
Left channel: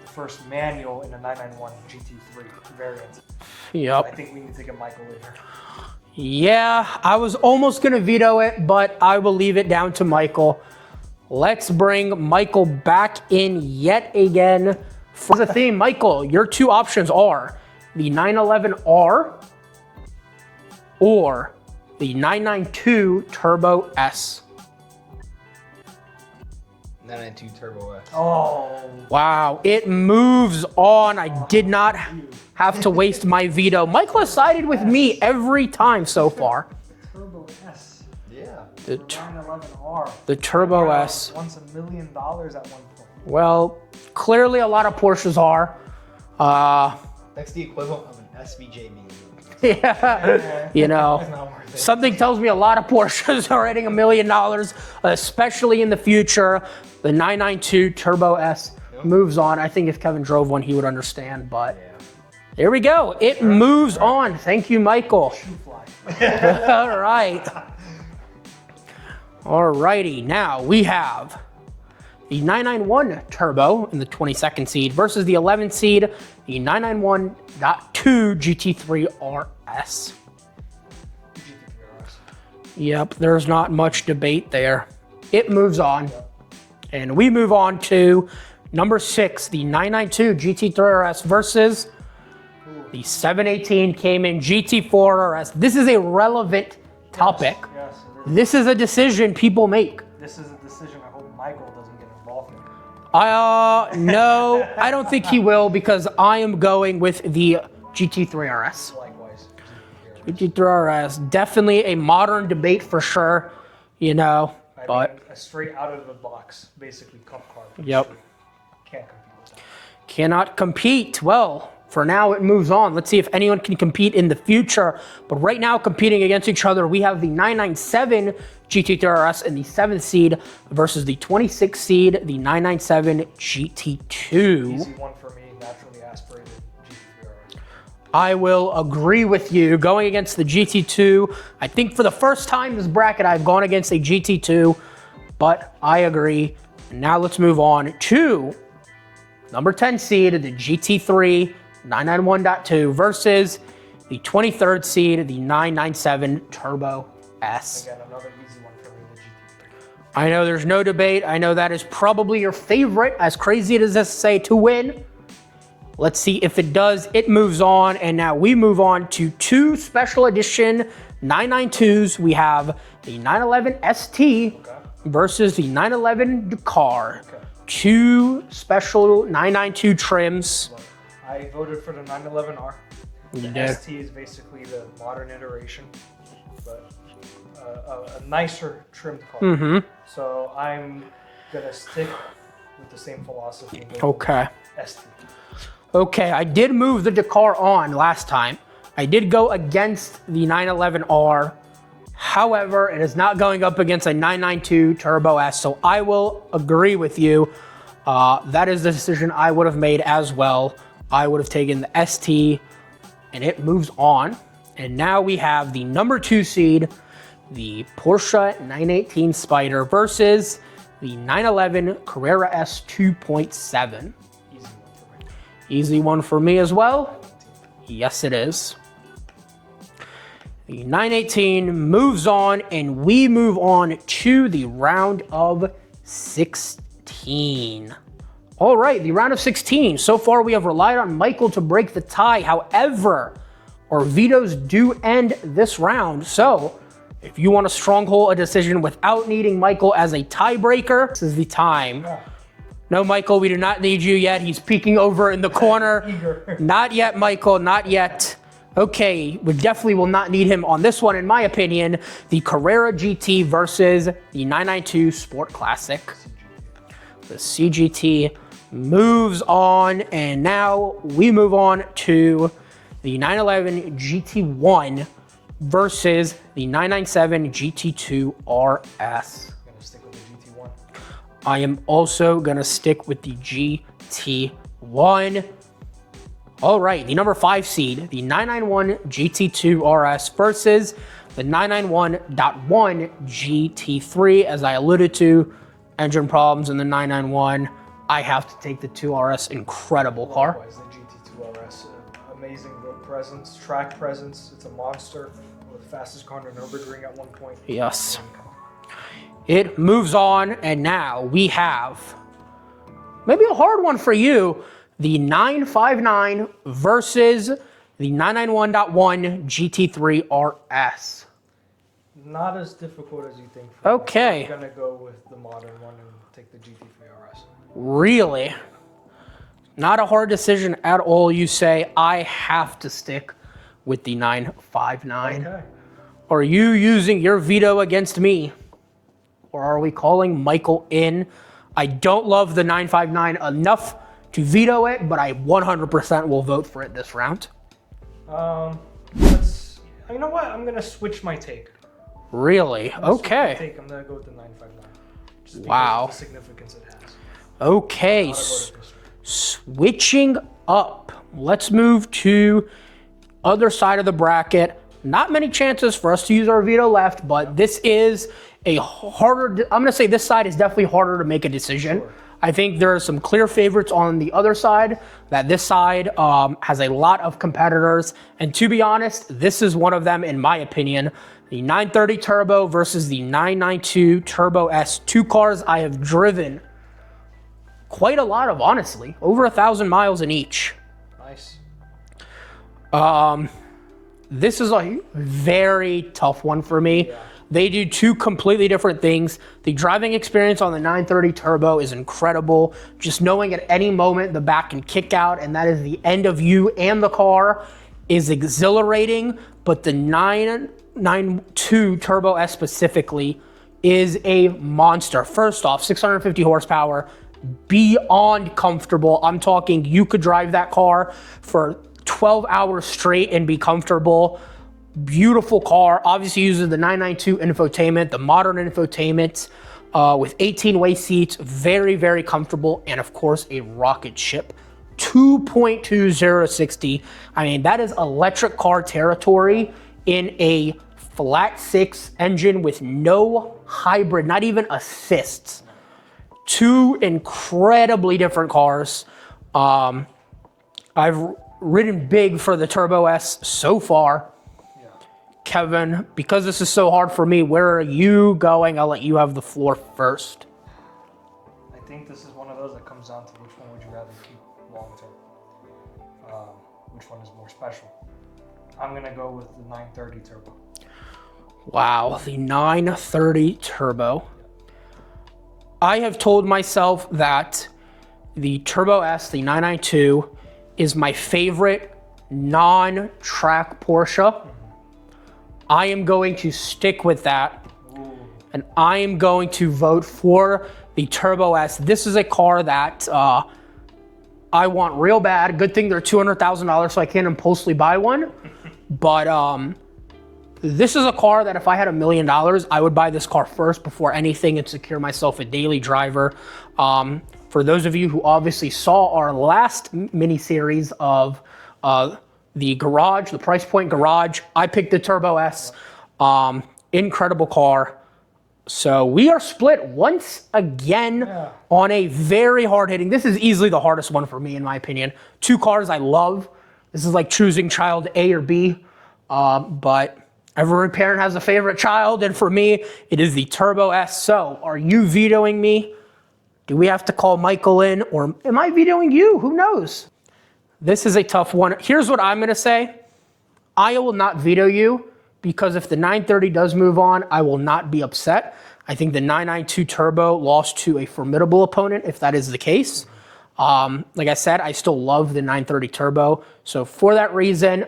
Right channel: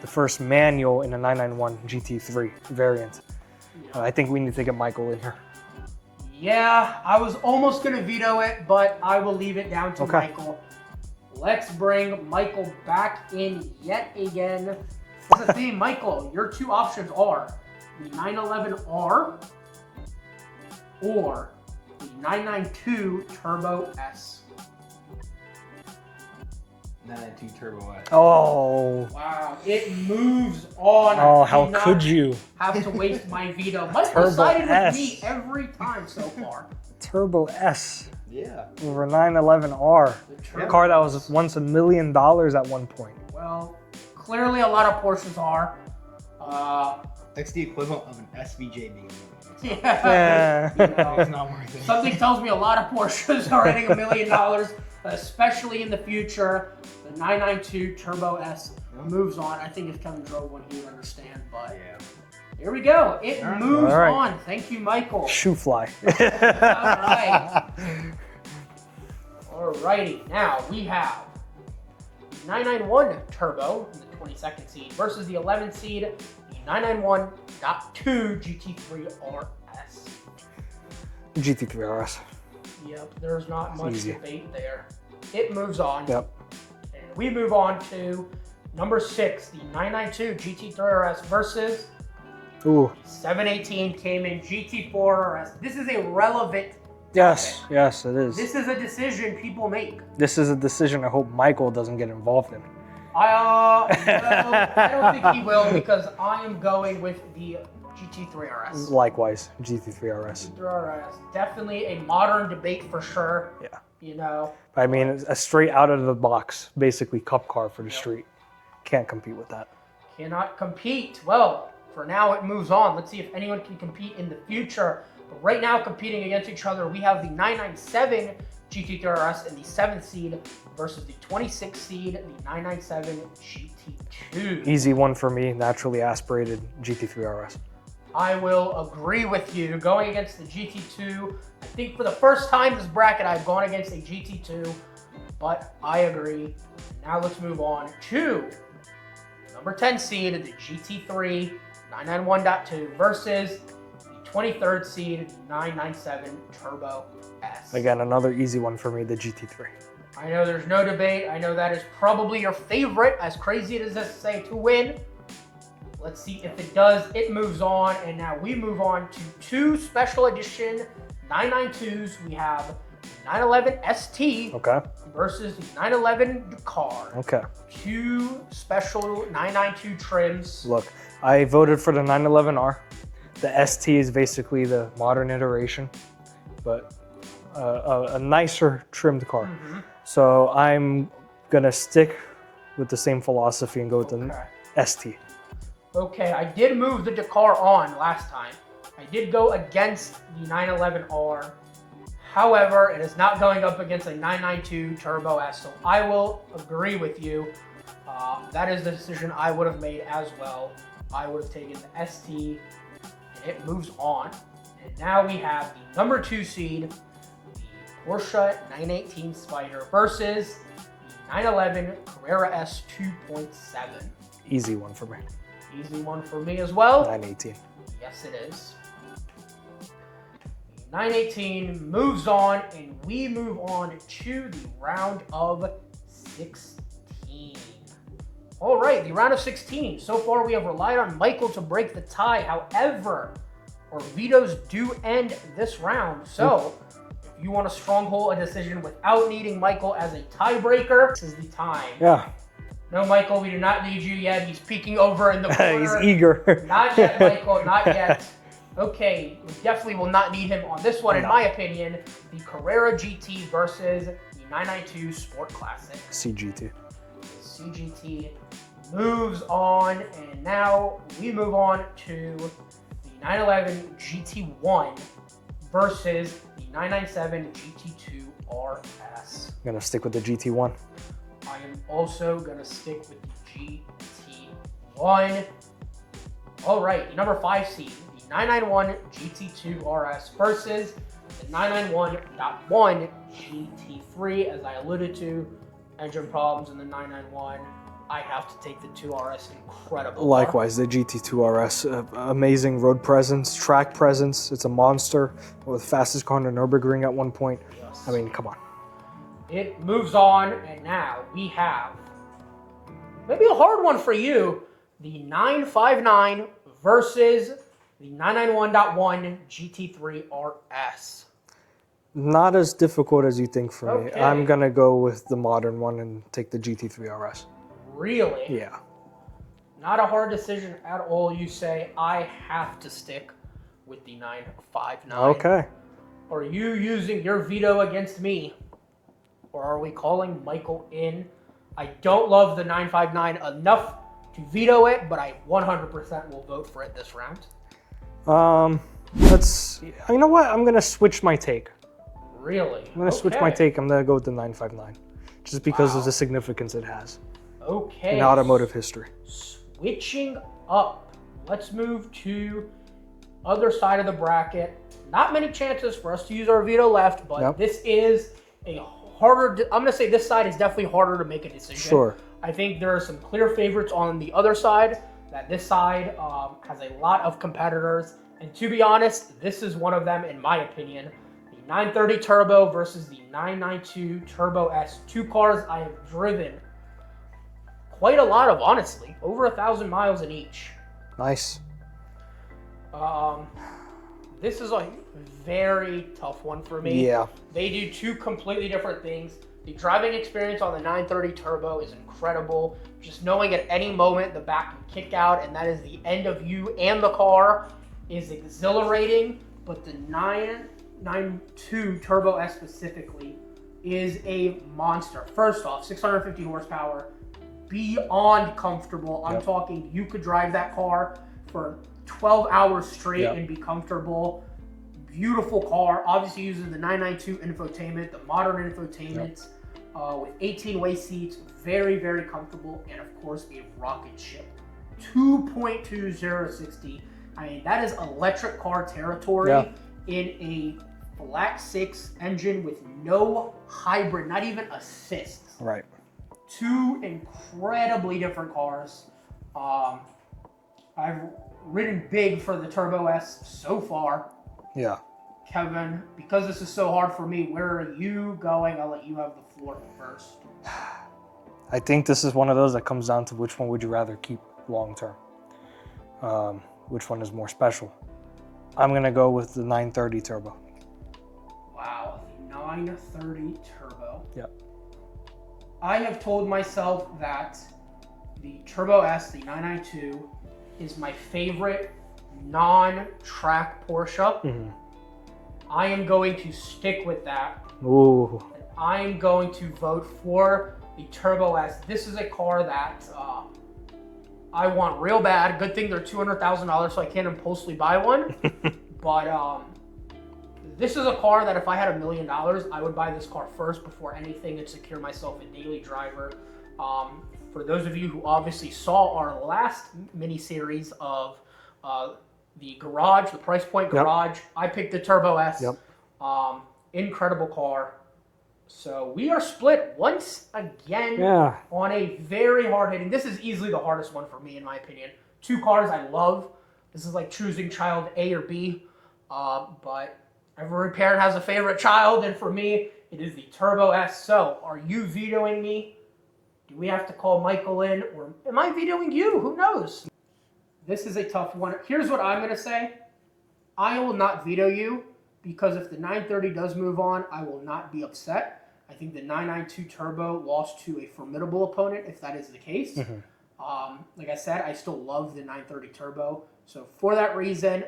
The first manual in a 991 GT3 variant. Yep. I think we need to get Michael in here. Yeah, I was almost going to veto it, but I will leave it down to Michael. Let's bring Michael back in yet again for the theme. Michael, your two options are the 911R or the 992 Turbo S. 992 Turbo S. Oh. Wow, it moves on. I did how not could you? have to waste my veto. Michael sided with me every time so far. Turbo S. Yeah. Over 911R. The Turbo car that S. was once $1 million at one point. Well, clearly a lot of Porsches are. That's the equivalent of an SVJ being Yeah. You know, It's not worth it. something tells me a lot of Porsches are hitting $1 million, especially in the future. The 992 Turbo S moves on. I think if Kevin drove one, he would understand, but there we go. It moves on. Thank you, Michael. Shoe fly. All right. All righty. Now we have the 991 Turbo in the 22nd seed versus the 11th seed, the 991.2 GT3 RS. GT3 RS. Yep, there's not much debate there. It moves on. Yep. And we move on to number 6, the 992 GT3 RS versus the 718 Cayman GT4 RS. This is a relevant topic. Yes, it is. This is a decision people make. This is a decision I hope Michael doesn't get involved in. No, I don't think he will because I am going with the GT3 RS. Likewise, GT3 RS. GT3 RS, definitely a modern debate for sure. Yeah. You know. I mean, a straight out of the box, basically cup car for the Yep. street. Can't compete with that. Cannot compete. Well, for now it moves on. Let's see if anyone can compete in the future. But right now, competing against each other, we have the 997 GT3 RS in the 7th seed versus the 26th seed, the 997 GT2. Easy one for me, naturally aspirated GT3 RS. I will agree with you. Going against the GT2, I think for the first time this bracket, I've gone against a GT2, but I agree. Now let's move on to number 10 seed, the GT3 991.2 versus the 23rd seed, the 997 Turbo S. Again, another easy one for me, the GT3. I know there's no debate. I know that is probably your favorite, as crazy as this say, to win. Let's see if it does. It moves on, and now we move on to two special edition 992s. We have the 911 ST versus the 911 Dakar. Okay. Two special 992 trims. Look, I voted for the 911R. The ST is basically the modern iteration, but a nicer trimmed car. So I'm gonna stick with the same philosophy and go with the ST. Okay, I did move the Dakar on last time. I did go against the 911R. However, it is not going up against a 992 Turbo S, so I will agree with you. That is the decision I would have made as well. I would have taken the ST, and it moves on. And now we have the number 2 seed, the Porsche 918 Spider versus the 911 Carrera S 2.7. Easy one for me. Easy one for me as well. 918. Yes, it is. The 918 moves on, and we move on to the round of 16. All right, the round of 16. So far, we have relied on Michael to break the tie. However, our vetoes do end this round. So, if you want to stronghold a decision without needing Michael as a tiebreaker, this is the time. Yeah. No, Michael, we do not need you yet. He's peeking over in the corner. He's eager. Not yet, Michael, not yet. Okay, we definitely will not need him on this one, in my opinion. The Carrera GT versus the 992 Sport Classic. CGT. The CGT moves on, and now we move on to the 911 GT1 versus the 997 GT2 RS. I'm gonna stick with the GT1. I am also gonna stick with the GT1. All right, the number 5 seed, the 991 GT2 RS versus the 991.1 GT3. As I alluded to, engine problems in the 991. I have to take the 2RS. Incredible car. Likewise, the GT2 RS, amazing road presence, track presence. It's a monster. With fastest car on the Nürburgring at one point. Yes. I mean, come on. It moves on, and now we have maybe a hard one for you. The 959 versus the 991.1 GT3 RS. Not as difficult as you think for me. Okay. I'm gonna go with the modern one and take the GT3 RS. Really? Yeah. Not a hard decision at all, you say. I have to stick with the 959. Okay. Are you using your veto against me? Or are we calling Michael in? I don't love the 959 enough to veto it, but I 100% will vote for it this round. You know what? I'm gonna switch my take. Really? I'm gonna switch my Okay. take. I'm gonna go with the 959. Just because Wow. of the significance it has Okay. in automotive history. Switching up. Let's move to other side of the bracket. Not many chances for us to use our veto left, but this is a harder, I'm gonna say this side is definitely harder to make a decision. Sure. I think there are some clear favorites on the other side, that this side has a lot of competitors. And to be honest, this is one of them in my opinion. The 930 Turbo versus the 992 Turbo S. Two cars I have driven quite a lot of, honestly. Over 1,000 miles in each. Nice. This is a very tough one for me. Yeah. They do two completely different things. The driving experience on the 930 Turbo is incredible. Just knowing at any moment the back can kick out and that is the end of you and the car is exhilarating. But the 992 Turbo S specifically is a monster. First off, 650 horsepower, beyond comfortable. I'm talking you could drive that car for 12 hours straight and be comfortable. Beautiful car. Obviously uses the 992 infotainment, the modern infotainment with 18-way seats. Very, very comfortable. And of course, a rocket ship. 2.2060. I mean, that is electric car territory in a flat six engine with no hybrid, not even assists. Right. Two incredibly different cars. I've ridden big for the Turbo S so far. Yeah. Kevin, because this is so hard for me, where are you going? I'll let you have the floor first. I think this is one of those that comes down to which one would you rather keep long term. Which one is more special? I'm going to go with the 930 Turbo. Wow, the 930 Turbo. Yeah. I have told myself that the Turbo S, the 992, is my favorite non-track Porsche. I am going to stick with that. Ooh. And I am going to vote for the Turbo S. This is a car that I want real bad. Good thing they're $200,000, so I can't impulsively buy one. But this is a car that if I had $1 million, I would buy this car first before anything and secure myself a daily driver. For those of you who obviously saw our last mini-series of the garage, the price point garage, I picked the Turbo S. Incredible car. So we are split once again on a very hard-hitting. This is easily the hardest one for me, in my opinion. Two cars I love. This is like choosing child A or B. But every parent has a favorite child, and for me, it is the Turbo S. So are you vetoing me? Do we have to call Michael in, or am I vetoing you? Who knows? This is a tough one. Here's what I'm gonna say. I will not veto you because if the 930 does move on, I will not be upset. I think the 992 Turbo lost to a formidable opponent if that is the case. Like I said, I still love the 930 Turbo. So for that reason,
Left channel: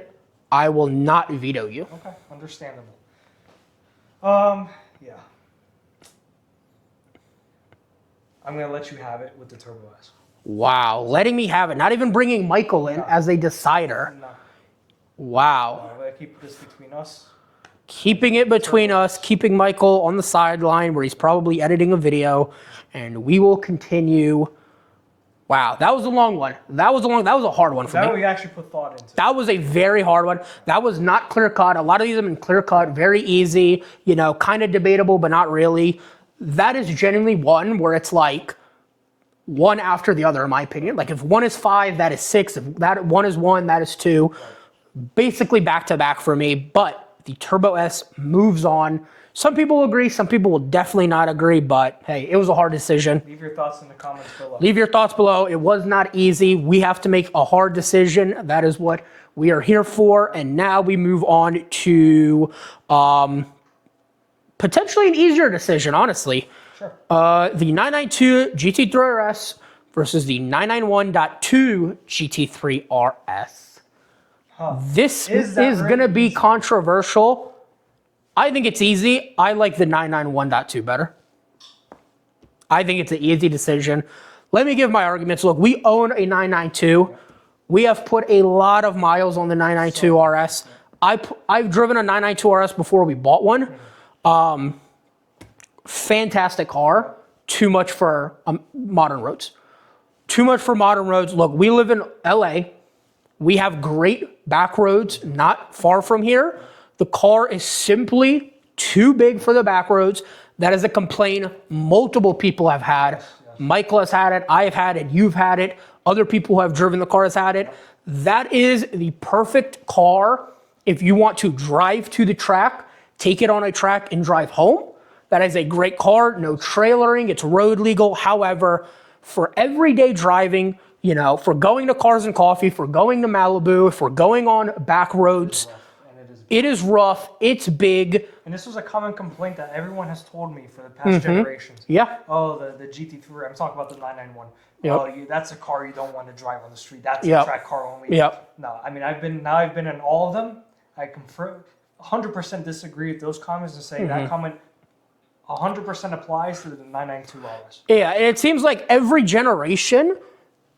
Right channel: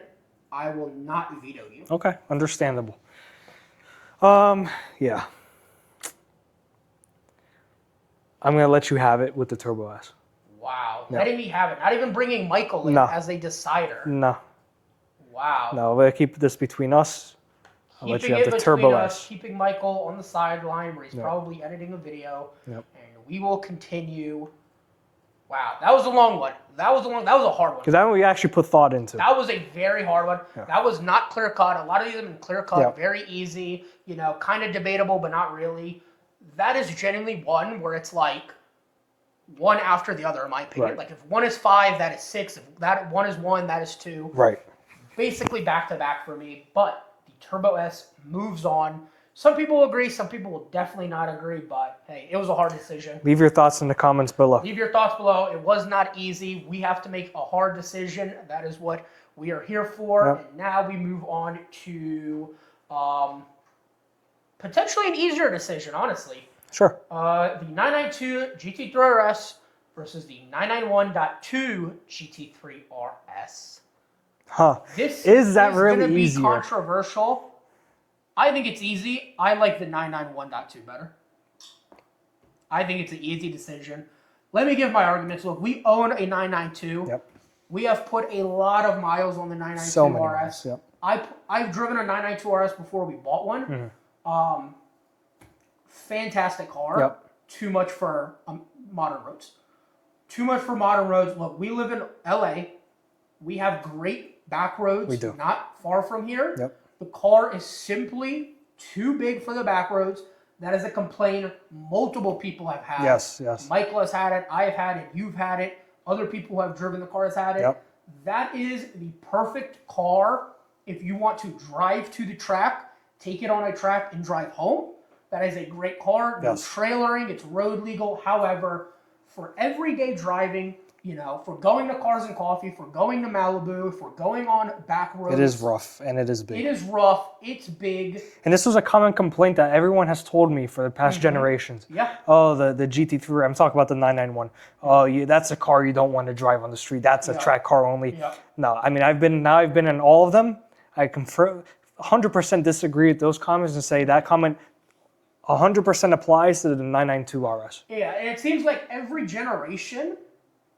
I will not veto you. Okay, understandable. Yeah. I'm going to let you have it with the Turbo S. Wow, letting me have it. Not even bringing Michael in as a decider. No. Wow. No, we'll keep this between us. Keeping it between us, keeping Michael on the sideline where he's probably editing a video, and we will continue. Wow, that was a long one. That was a hard one for me. That we actually put thought into. That was a very hard one. That was not clear cut. A lot of these have been clear cut, very easy, you know, kind of debatable, but not really. That is genuinely one where it's like one after the other, in my opinion. Like if one is 5, that is 6. If that one is 1, that is 2. Right. Basically back to back for me, but the Turbo S moves on. Some people will agree, some people will definitely not agree, but hey, it was a hard decision. Leave your thoughts in the comments below. Leave your thoughts below. It was not easy. We have to make a hard decision. That is what we are here for. And now we move on to potentially an easier decision, honestly. Sure. The 992 GT3 RS versus the 991.2 GT3 RS. This is going to be controversial. I think it's easy. I like the 991.2 better. I think it's an easy decision. Let me give my arguments. Look, we own a 992. We have put a lot of miles on the 992 RS. I've driven a 992 RS before we bought one. Fantastic car. Too much for modern roads. Too much for modern roads. Look, we live in LA. We have great back roads not far from here. The car is simply too big for the back roads. That is a complaint multiple people have had. Michael has had it, I have had it, you've had it, other people who have driven the car has had it. That is the perfect car if you want to drive to the track, take it on a track and drive home. That is a great car, no trailering, it's road legal. However, for everyday driving, You know, for going to Cars and Coffee, for going to Malibu, if we're going on back roads. It is rough, and it is big. It is rough. It's big. And this was a common complaint that everyone has told me for the past generations. Yeah. Oh, the GT3. I'm talking about the 991. Yep. Oh, that's a car you don't want to drive on the street. That's a track car only. Yep. No, I mean I've been in all of them. I confirm 100% disagree with those comments and say that comment 100% applies to the 992 RS. Yeah, and it seems like every generation,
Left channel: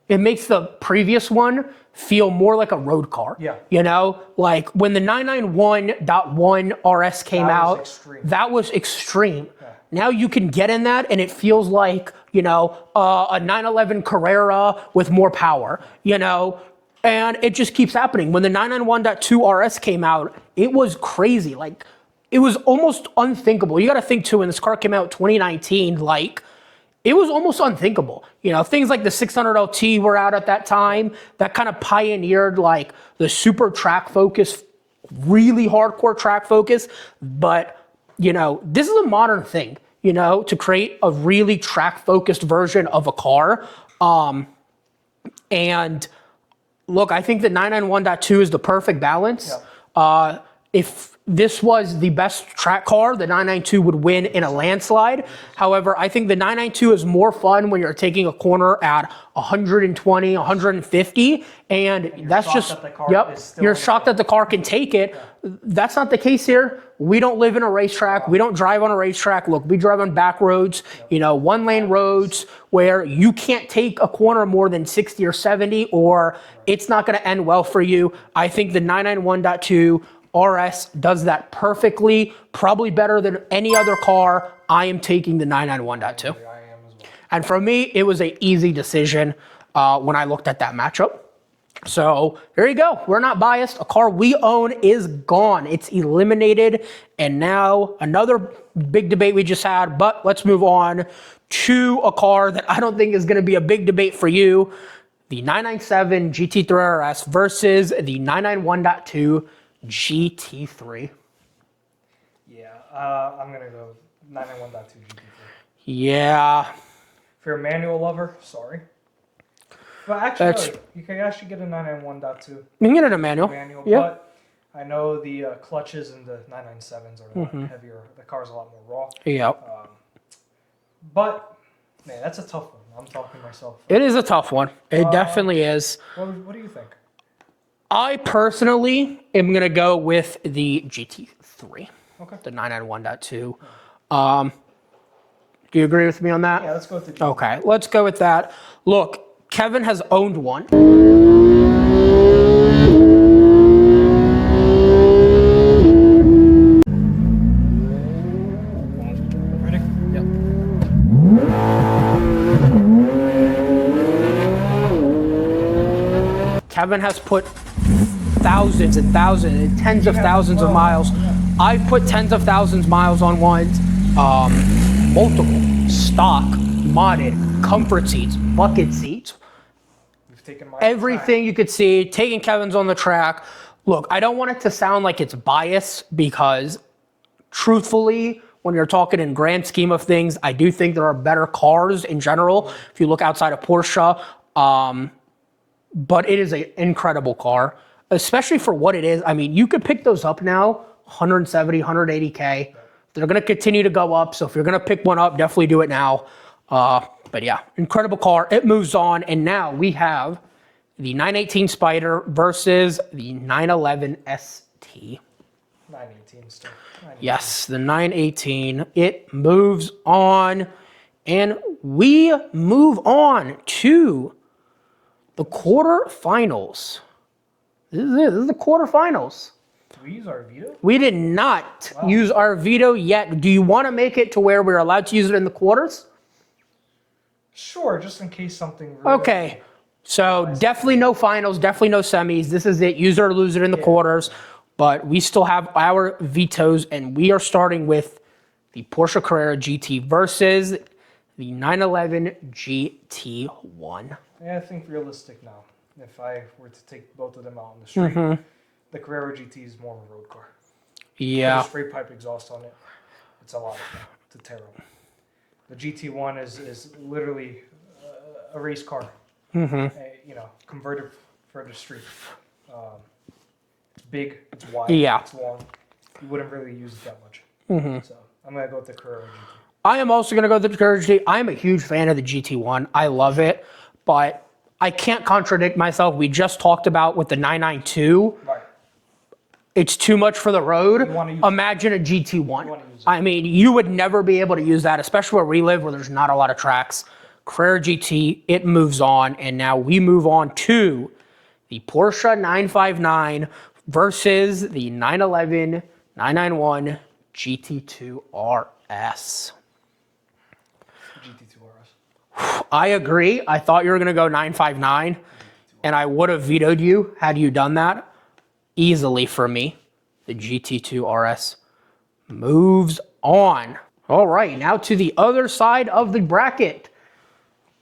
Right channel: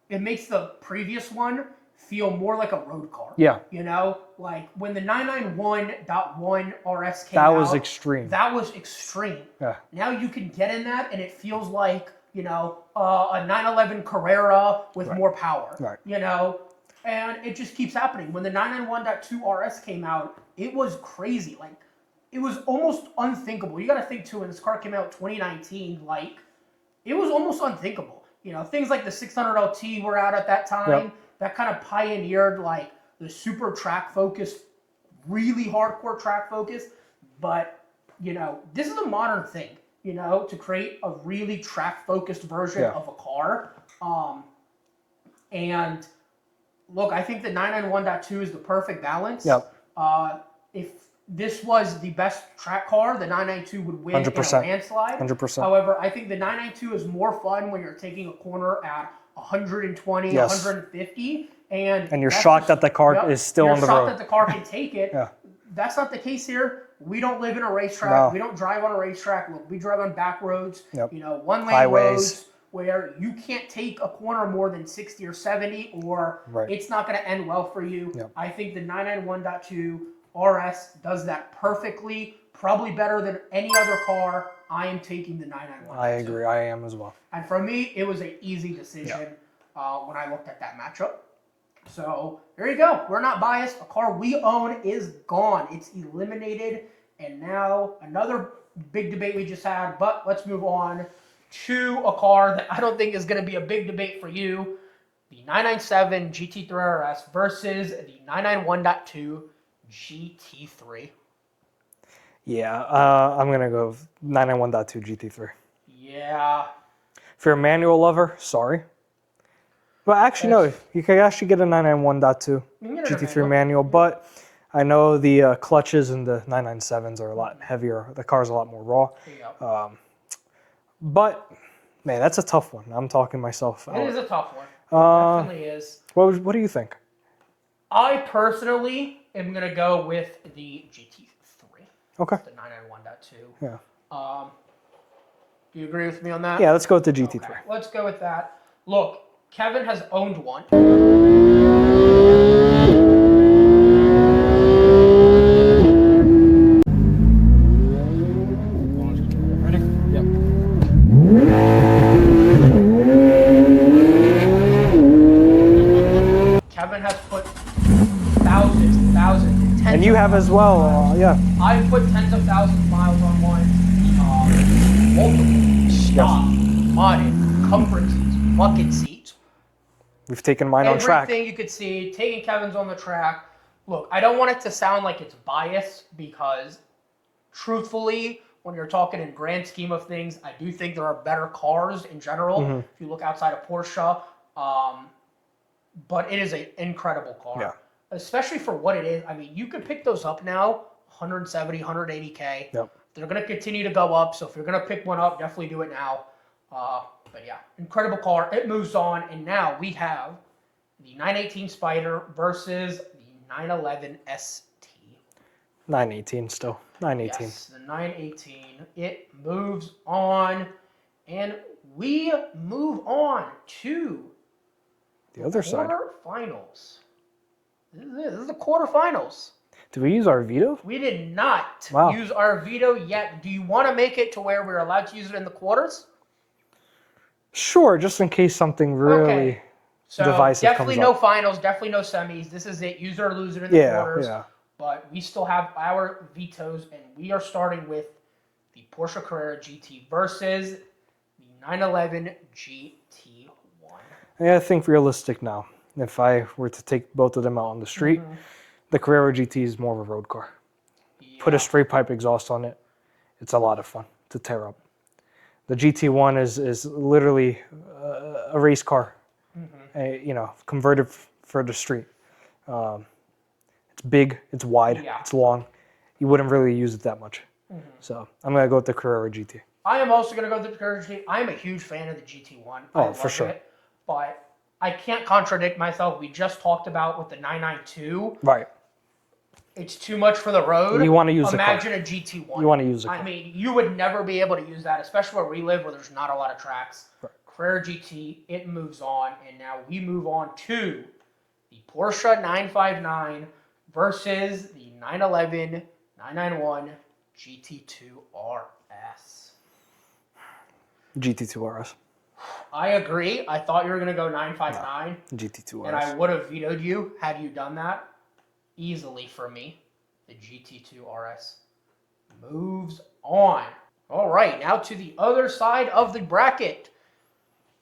it makes the previous one feel more like a road car. Yeah. You know, like when the 991.1 RS came out. That was extreme. That was extreme. Yeah. Now you can get in that and it feels like, you know, a 911 Carrera with more power. Right. You know, and it just keeps happening. When the 991.2 RS came out, it was crazy. Like, it was almost unthinkable. You got to think, too, when this car came out in 2019, like, it was almost unthinkable. You know, things like the 600 LT were out at that time. That kind of pioneered, like, the super track focus, really hardcore track focus. But, you know, this is a modern thing, you know, to create a really track-focused version of a car. And look, I think the 991.2 is the perfect balance. If this was the best track car, the 992 would win 100%. In a landslide. 100%. However, I think the 992 is more fun when you're taking a corner at 120, 150, and you're that's shocked just, that the car is still on the road. You're shocked that the car can take it. That's not the case here. We don't live in a racetrack. No. We don't drive on a racetrack. Look, we drive on back roads, you know, one-lane Highways. roads where you can't take a corner more than 60 or 70 or it's not going to end well for you. I think the 991.2 RS does that perfectly, probably better than any other car. I am taking the 991.2. I agree, I am as well. And for me, it was an easy decision when I looked at that matchup. So there you go. We're not biased. A car we own is gone. It's eliminated. And now another big debate we just had, but let's move on to a car that I don't think is going to be a big debate for you. The 997 GT3 RS versus the 991.2 GT3. Yeah, I'm going to go 991.2 GT3. Yeah. If you're a manual lover, sorry. But actually, no, you can actually get a 991.2. You can get a manual, but I know the clutches in the 997s are a lot heavier. The car's a lot more raw. Yeah. But, man, that's a tough one. I'm talking myself. It is a tough one. It definitely is. What do you think? I personally am going to go with the GT3. Okay. The 991.2. Yeah. Do you agree with me on that? Yeah, let's go with the GT3. Okay, let's go with that. Look, Kevin has owned one. Ready? Yep. Kevin has put thousands and thousands and tens of thousands of miles. Yeah. I've put tens of thousands of miles on ones. Multiple stock, modded, comfort seats, bucket seats. We've taken mine on track. Everything you could see, taking Kevin's on the track. Look, I don't want it to sound like it's biased because truthfully, when you're talking in grand scheme of things, I do think there are better cars in general. If you look outside of Porsche, but it is an incredible car, especially for what it is. I mean, you could pick those up now, 170, 180K. Yep. They're going to continue to go up. So if you're going to pick one up, definitely do it now. But yeah, incredible car. It moves on. And now we have the 918 Spider versus the 911 ST. 918 still. 918. Yes, the 918. It moves on. And we move on to the quarterfinals. This is it. This is the quarterfinals. Did we use our veto? We did not use our veto yet. Do you want to make it to where we're allowed to use it in the quarters? Sure, just in case something really So definitely no finals, definitely no semis. This is it. Use it or lose it in the quarters. Yeah. But we still have our vetoes, and we are starting with the Porsche Carrera GT versus the 911 GT1. Yeah, I think realistic now. If I were to take both of them out on the street, the Carrera GT is more of a road car. Yeah. Put a straight pipe exhaust on it. It's a lot of fun to tear up. The GT1 is literally a race car. converted for the street. It's big, it's wide, it's long. You wouldn't really use it that much. So I'm going to go with the Carrera GT. I am also going to go with the Carrera GT. I'm a huge fan of the GT1. I love it, but I can't contradict myself. We just talked about with the 992. Right. It's too much for the road. You want to use Imagine a GT1. You want to use it. I mean, you would never be able to use that, especially where we live, where there's not a lot of tracks. Carrera GT, it moves on, and now we move on to the Porsche 959 versus the 911 991 GT2 RS. GT2 RS. I agree. I thought you were going to go 959. GT2 RS. And I would have vetoed you had you done that. Easily for me. The GT2 RS moves on. All right, now to the other side of the bracket.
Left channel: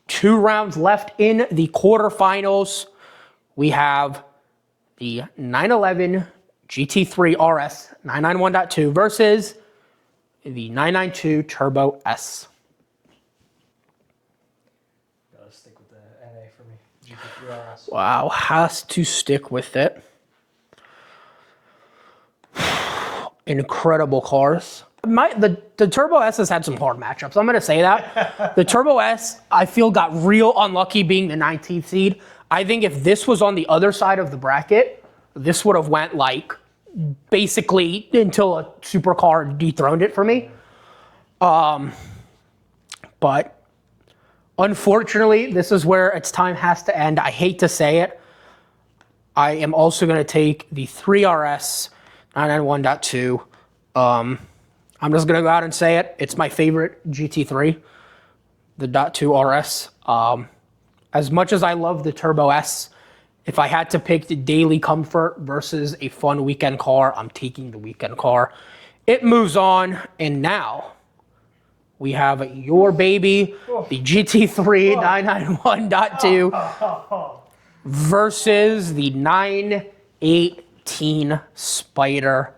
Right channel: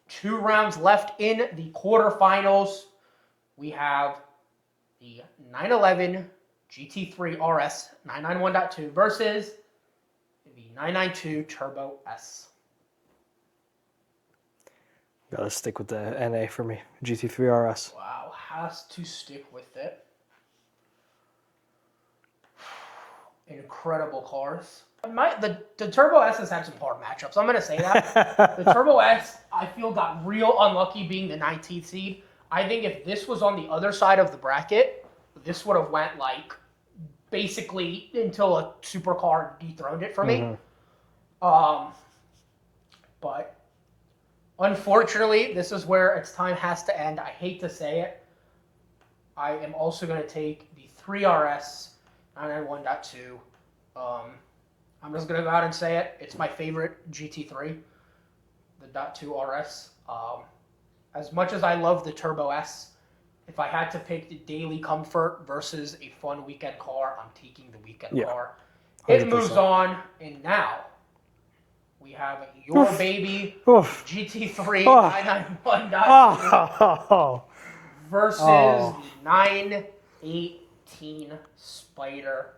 2 rounds left in the quarterfinals. We have the 911 GT3 RS 991.2 versus the 992 Turbo S. Gotta stick with the NA for me. GT3 RS. Wow, has to stick with it. Incredible cars. The Turbo S has had some hard matchups. I'm going to say that. The Turbo S, I feel, got real unlucky being the 19th seed. I think if this was on the other side of the bracket, this would have went like basically until a supercar dethroned it for me. But unfortunately, this is where its time has to end. I hate to say it. I am also going to take the 3RS 991.2. I'm just going to go out and say it. It's my favorite GT3, the .2 RS. As much as I love the Turbo S, if I had to pick the daily comfort versus a fun weekend car, I'm taking the weekend car. 100%. It moves on, and now we have your baby, the GT3 991.2 versus the 918 Spider.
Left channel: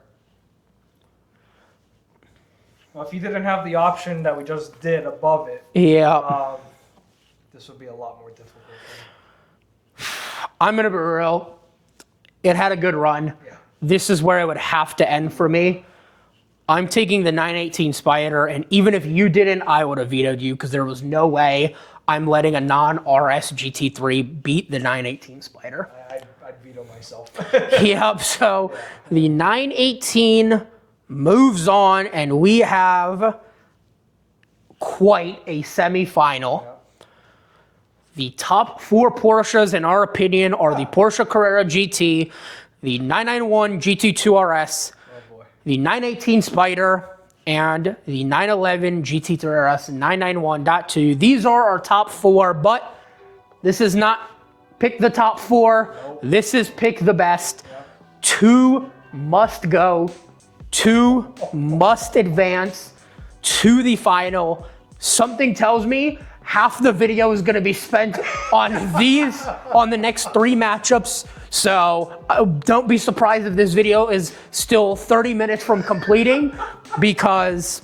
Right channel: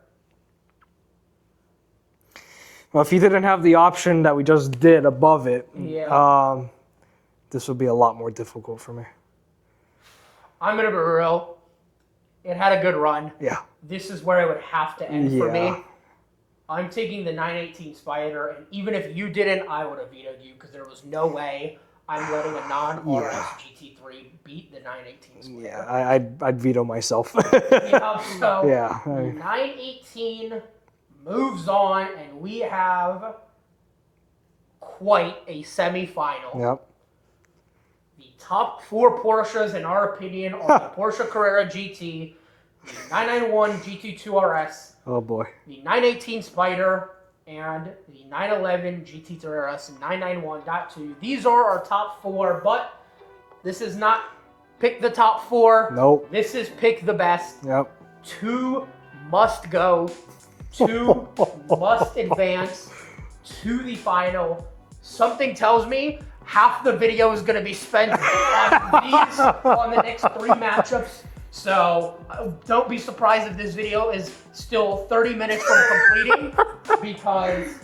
Well, if you didn't have the option that we just did above it, this would be a lot more difficult for me. I'm going to be real. It had a good run. Yeah. This is where it would have to end for me. I'm taking the 918 Spider, and even if you didn't, I would have vetoed you because there was no way I'm letting a non-RS GT3 beat the 918 Spider. I'd veto myself. Yep, so the 918 moves on, and we have quite a semifinal. Yep. The top 4 Porsches, in our opinion, are the Porsche Carrera GT, the 991 GT2 RS, oh boy, the 918 Spider, and the 911 GT3 RS 991.2. These are our top 4, but this is not pick the top 4. Nope. This is pick the best. Yep. 2 must go. 2 must advance to the final. Something tells me half the video is going to be spent on the next 3 matchups. So don't be surprised if this video is still 30 minutes from completing because,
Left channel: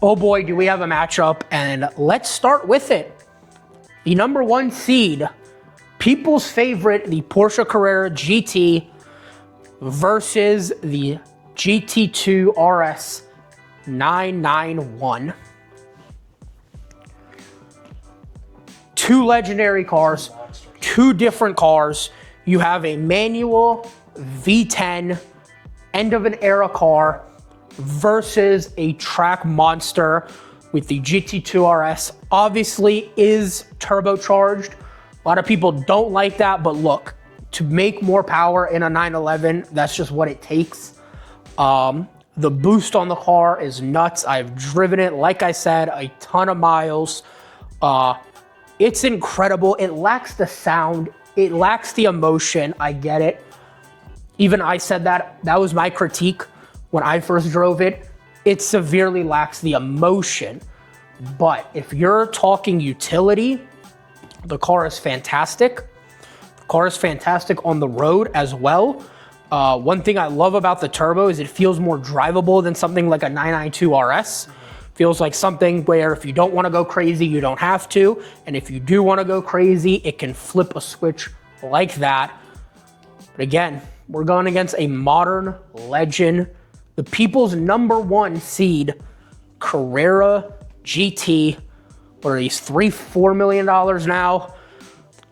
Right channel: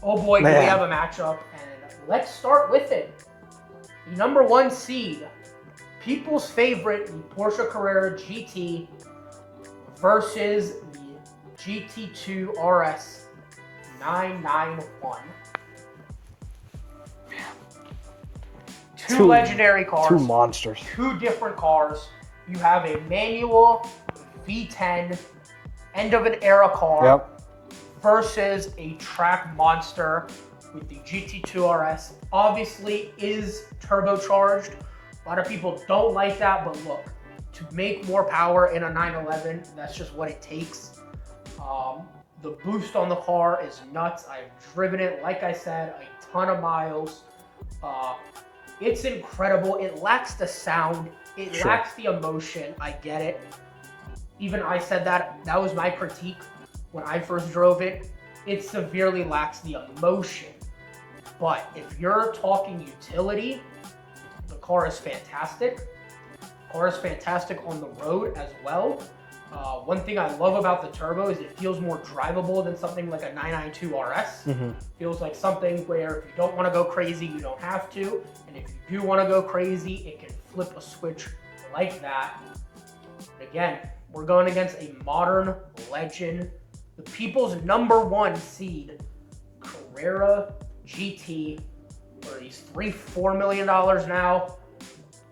oh boy, do we have a matchup. And let's start with it. The number 1 seed, people's favorite, the Porsche Carrera GT versus the GT2 RS 991. Two legendary cars. 2 monsters. 2 different cars. You have a manual V10 end of an era car versus a track monster with the GT2 RS. Obviously is turbocharged. A lot of people don't like that, but look, to make more power in a 911, that's just what it takes. The boost on the car is nuts. I've driven it, like I said, a ton of miles. It's incredible. It lacks the sound. It lacks the emotion. I get it. Even I said that. That was my critique when I first drove it. It severely lacks the emotion. But if you're talking utility, the car is fantastic. The car is fantastic on the road as well. One thing I love about the turbo is it feels more drivable than something like a 992 RS. Feels like something where if you don't want to go crazy, you don't have to. And if you do want to go crazy, it can flip a switch like that. But again, we're going against a modern legend, the people's #1 seed, Carrera GT. What are these, $4 million now?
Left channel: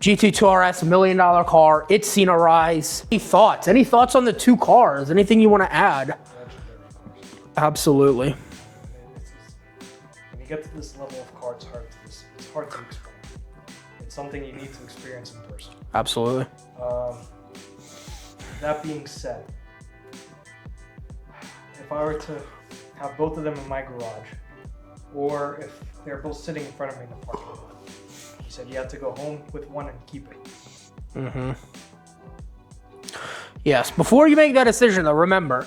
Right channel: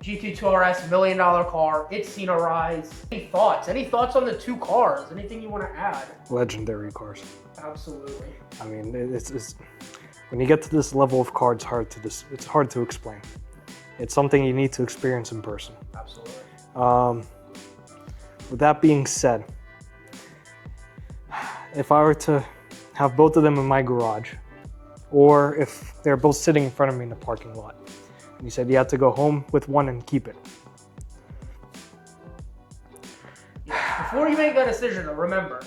GT2 RS, $1 million car. It's seen a rise. Any thoughts? Any thoughts on the two cars? Anything you want to add? Legendary cars. Absolutely. I mean, it's when you get to this level of car, it's hard to explain. It's something you need to experience in person. Absolutely. With that being said, if I were to have both of them in my garage, or if they're both sitting in front of me in the parking lot, you said you had to go home with one and keep it. Mm-hmm. Yes, before you make that decision though, remember,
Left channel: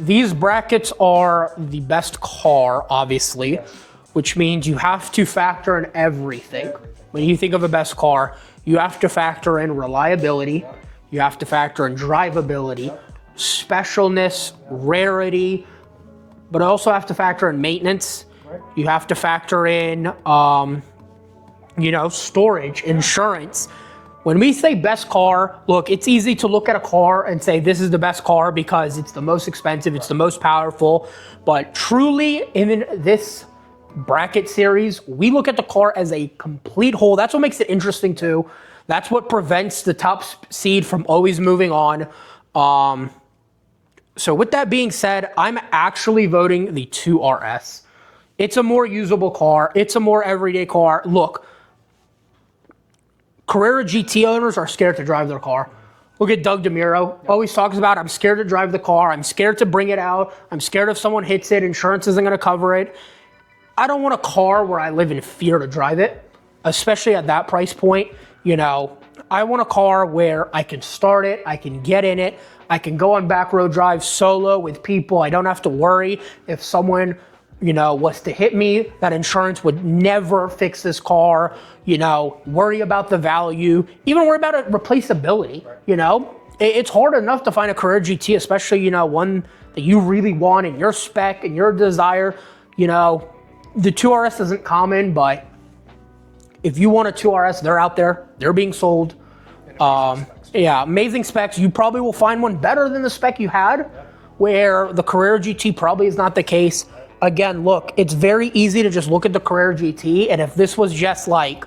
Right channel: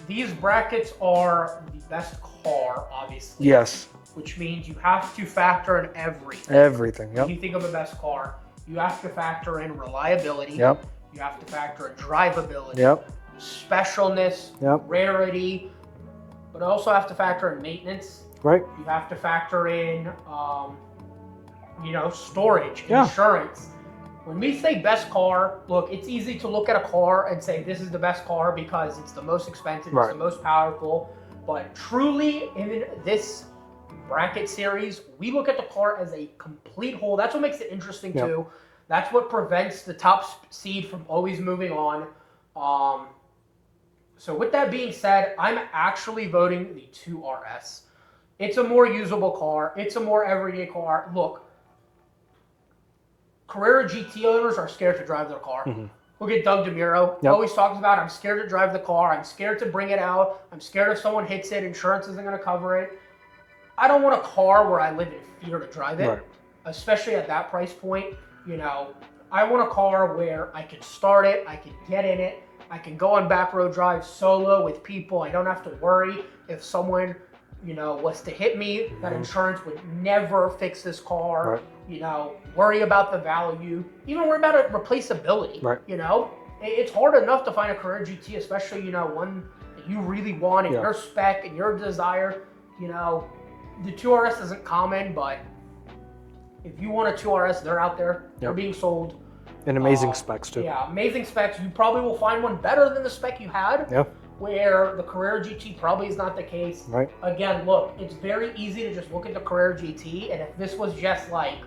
these brackets are the best car, obviously. Yes. Which means you have to factor in everything. Everything. When you think of a best car, you have to factor in reliability. Yep. You have to factor in drivability, Yep. specialness, Yep. rarity, but also have to factor in maintenance. Right. You have to factor in, storage, insurance. When we say best car, look, it's easy to look at a car and say this is the best car because it's the most expensive, it's Right. the most powerful. But truly, in this bracket series, we look at the car as a complete whole. That's what makes it interesting too. That's what prevents the top seed from always moving on. So with that being said, I'm actually voting the 2RS. It's a more usable car. It's a more everyday car. Look, Carrera GT owners are scared to drive their car. Mm-hmm. Look at Doug DeMuro. Always talks about, I'm scared to drive the car. I'm scared to bring it out. I'm scared if someone hits it, insurance isn't going to cover it. I don't want a car where I live in fear to drive it, especially at that price point. I want a car where I can start it, I can get in it, I can go on back road drive solo with people. I don't have to worry if someone was to hit me, that insurance would never fix this car. Worry about the value, even worry about replaceability. It's hard enough to find a Carrera GT, especially, one that you really want and your spec and your desire. The 2RS isn't common, but if you want a 2RS, they're out there, they're being sold. And amazing specs too. Yeah, amazing specs. You probably will find one better than the spec you had. Yep. Where the Carrera GT probably is not the case. Right. Again, look, it's very easy to just look at the Carrera GT, and if this was just like,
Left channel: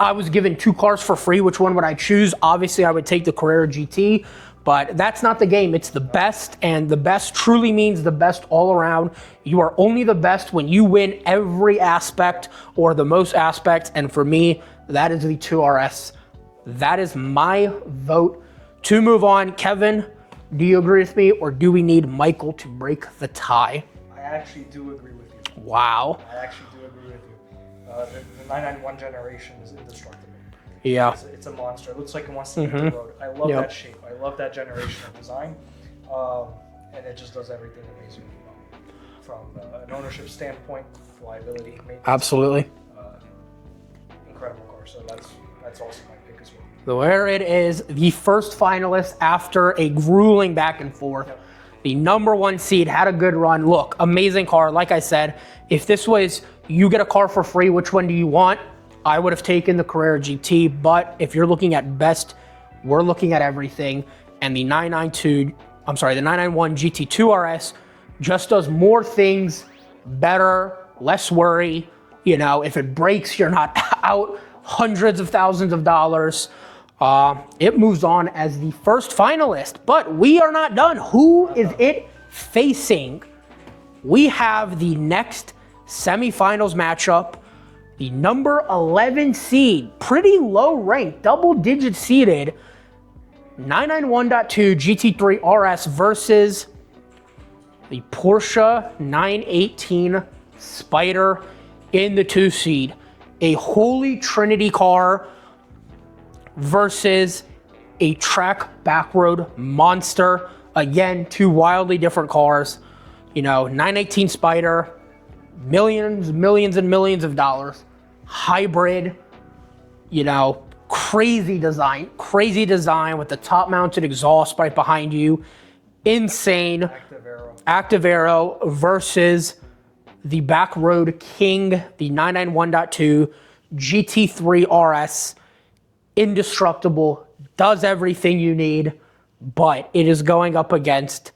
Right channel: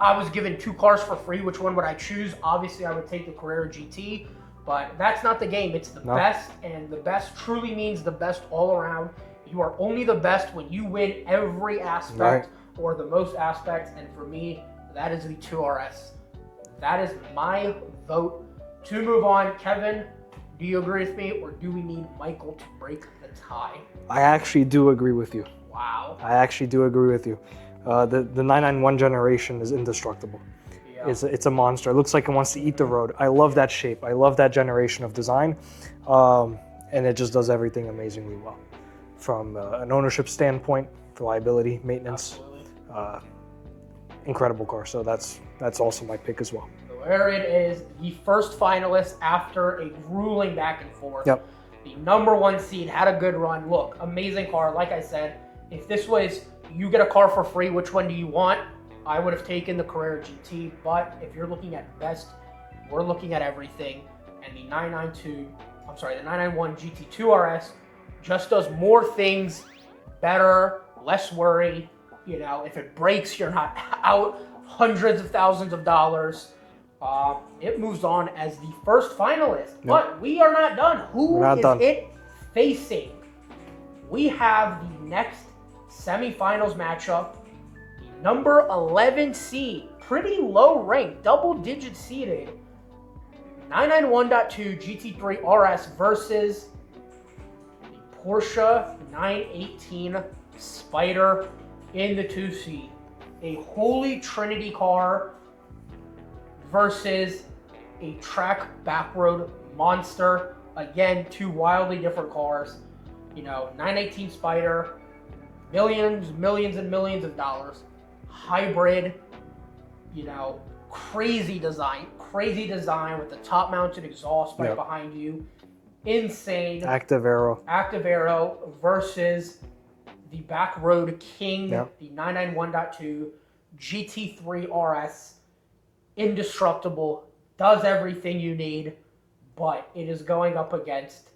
I was given two cars for free, which one would I choose? Obviously, I would take the Carrera GT, but that's not the game. It's the best, and the best truly means the best all around. You are only the best when you win every aspect or the most aspects, and for me, that is the 2RS. That is my vote. To move on, Kevin, do you agree with me, or do we need Michael to break the tie? I actually do agree with you. Wow. I actually do agree with you. The 991 generation is indestructible. Yeah. It's a monster. It looks like it wants to eat the road. I love that shape. I love that generation of design. And it just does everything amazingly well. From an ownership standpoint, reliability, maintenance. Absolutely. Incredible car. So that's also my pick as well. So there it is, the first finalist after a grueling back and forth. Yep. The #1 seed had a good run. Look, amazing car. Like I said, if this was you get a car for free, which one do you want? I would have taken the Carrera GT, but if you're looking at best, we're looking at everything. And the 991 GT2 RS just does more things better, less worry. If it breaks, you're not out hundreds of thousands of dollars. It moves on as the first finalist, but we are not done. Who is it facing? We have the next semifinals matchup. The #11 seed, pretty low ranked, double-digit seeded, 991.2 GT3 RS versus the Porsche 918 Spider in the 2 seed. A Holy Trinity car versus a track backroad monster. Again, two wildly different cars. 918 Spider, millions and millions of dollars. Hybrid, crazy design with the top mounted exhaust right behind you. Insane. Active Aero versus the back road king, the 991.2 GT3 RS, indestructible, does everything you need, but it is going up against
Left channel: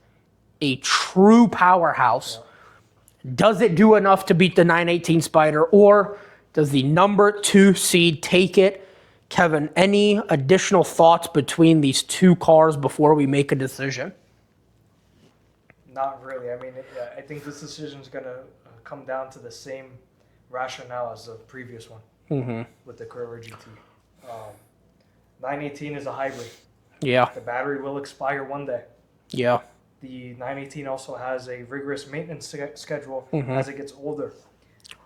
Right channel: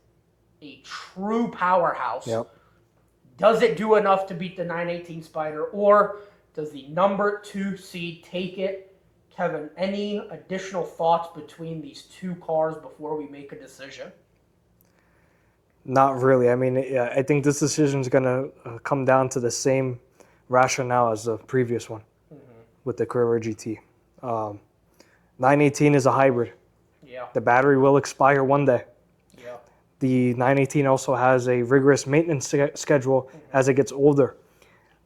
a true powerhouse. Yep. Does it do enough to beat the 918 Spider, or does the number 2 seed take it? Kevin, any additional thoughts between these two cars before we make a decision? Not really. I mean, I think this decision is going to come down to the same rationale as the previous one with the Carrera GT. 918 is a hybrid. Yeah. The battery will expire one day. Yeah. The 918 also has a rigorous maintenance schedule as it gets older,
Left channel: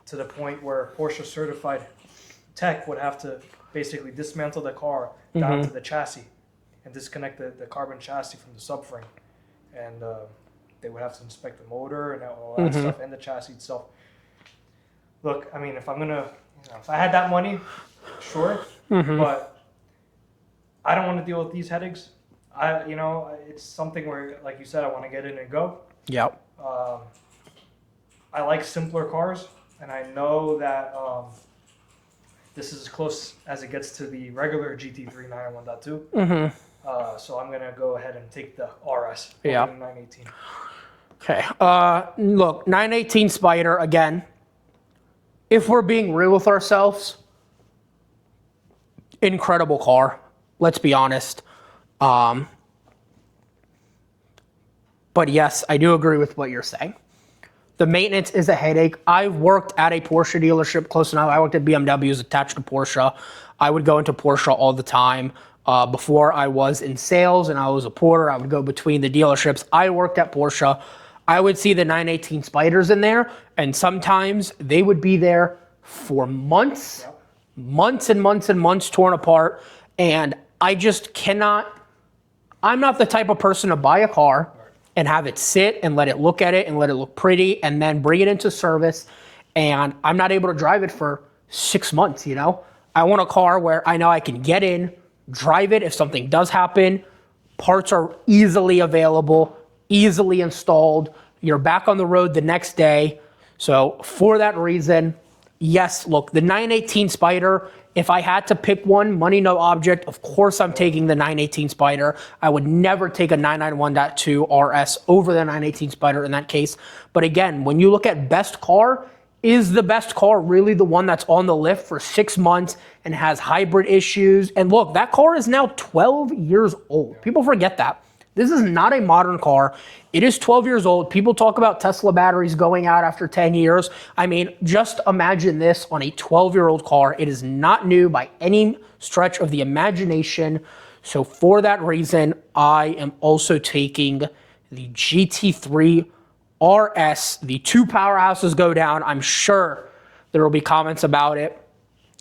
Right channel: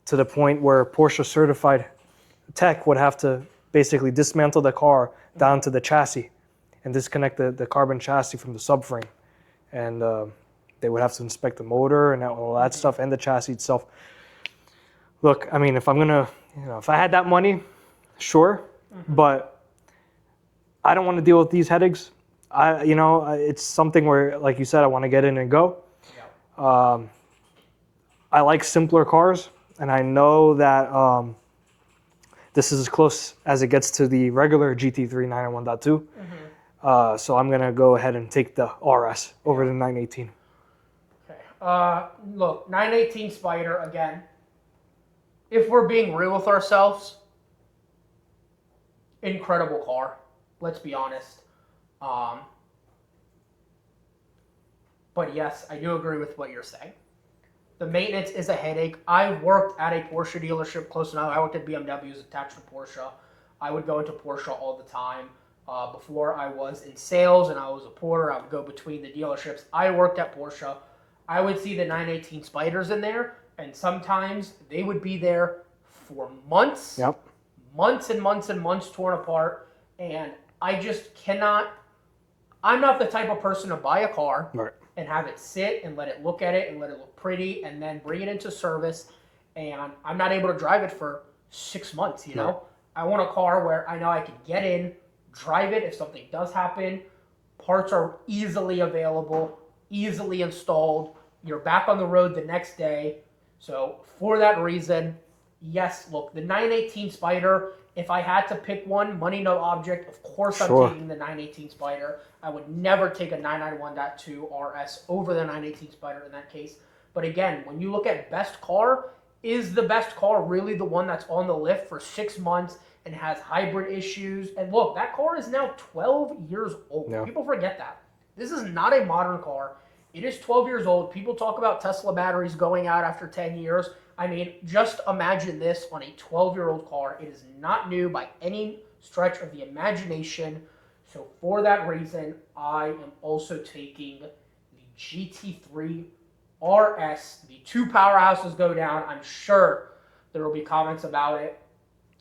to the point where Porsche certified tech would have to basically dismantle the car down to the chassis and disconnect the carbon chassis from the subframe. And they would have to inspect the motor and all that stuff and the chassis itself. Look, I mean, if I'm gonna, if I had that money, sure, but I don't want to deal with these headaches. It's something where, like you said, I want to get in and go. Yep. I like simpler cars, and I know that this is as close as it gets to the regular GT3 991.2. So I'm gonna go ahead and take the RS over the 918. Okay. Look, 918 Spider, again, if we're being real with ourselves, incredible car. Let's be honest. But yes, I do agree with what you're saying. The maintenance is a headache. I worked at a Porsche dealership close enough. I worked at BMWs attached to Porsche. I would go into Porsche all the time. Before I was in sales and I was a porter, I would go between the dealerships. I worked at Porsche. I would see the 918 Spiders in there, and sometimes they would be there for months, months and months and months torn apart. And I just cannot, I'm not the type of person to buy a car and have it sit and let it look at it and let it look pretty and then bring it into service. And I'm not able to drive it for 6 months, you know? I want a car where I know I can get in, drive it if something does happen. Parts are easily available, easily installed. You're back on the road the next day. So for that reason, yes, look, the 918 Spider, if I had to pick one, money no object, of course I'm taking the 918 Spider. I would never take a 991.2 RS over the 918 Spider in that case. But again, when you look at best car, is the best car really the one that's on the lift for 6 months and has hybrid issues? And look, that car is now 12 years old. People forget that. This is not a modern car. It is 12 years old. People talk about Tesla batteries going out after 10 years. I mean, just imagine this on a 12-year-old car. It is not new by any stretch of the imagination. So for that reason, I am also taking the GT3 RS. The two powerhouses go down. I'm sure there will be comments about it.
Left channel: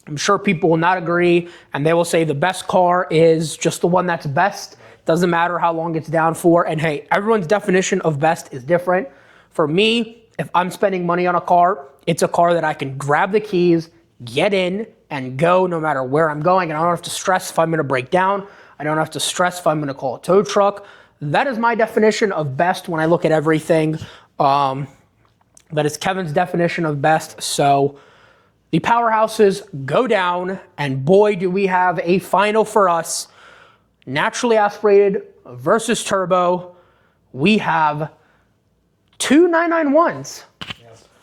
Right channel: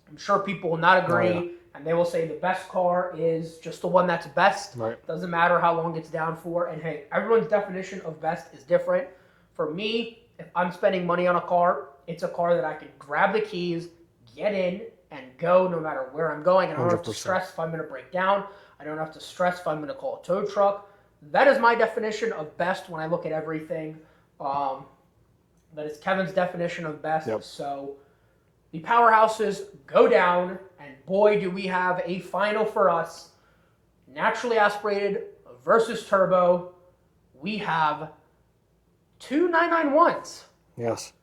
I'm sure people will not agree, and they will say the best car is just the one that's best. Doesn't matter how long it's down for. And hey, everyone's definition of best is different. For me, if I'm spending money on a car, it's a car that I can grab the keys, get in, and go no matter where I'm going. And I don't have to stress if I'm going to break down. I don't have to stress if I'm going to call a tow truck. That is my definition of best when I look at everything. That is Kevin's definition of best. So the powerhouses go down, and boy, do we have a final for us. Naturally aspirated versus turbo. We have two 991s. Yes.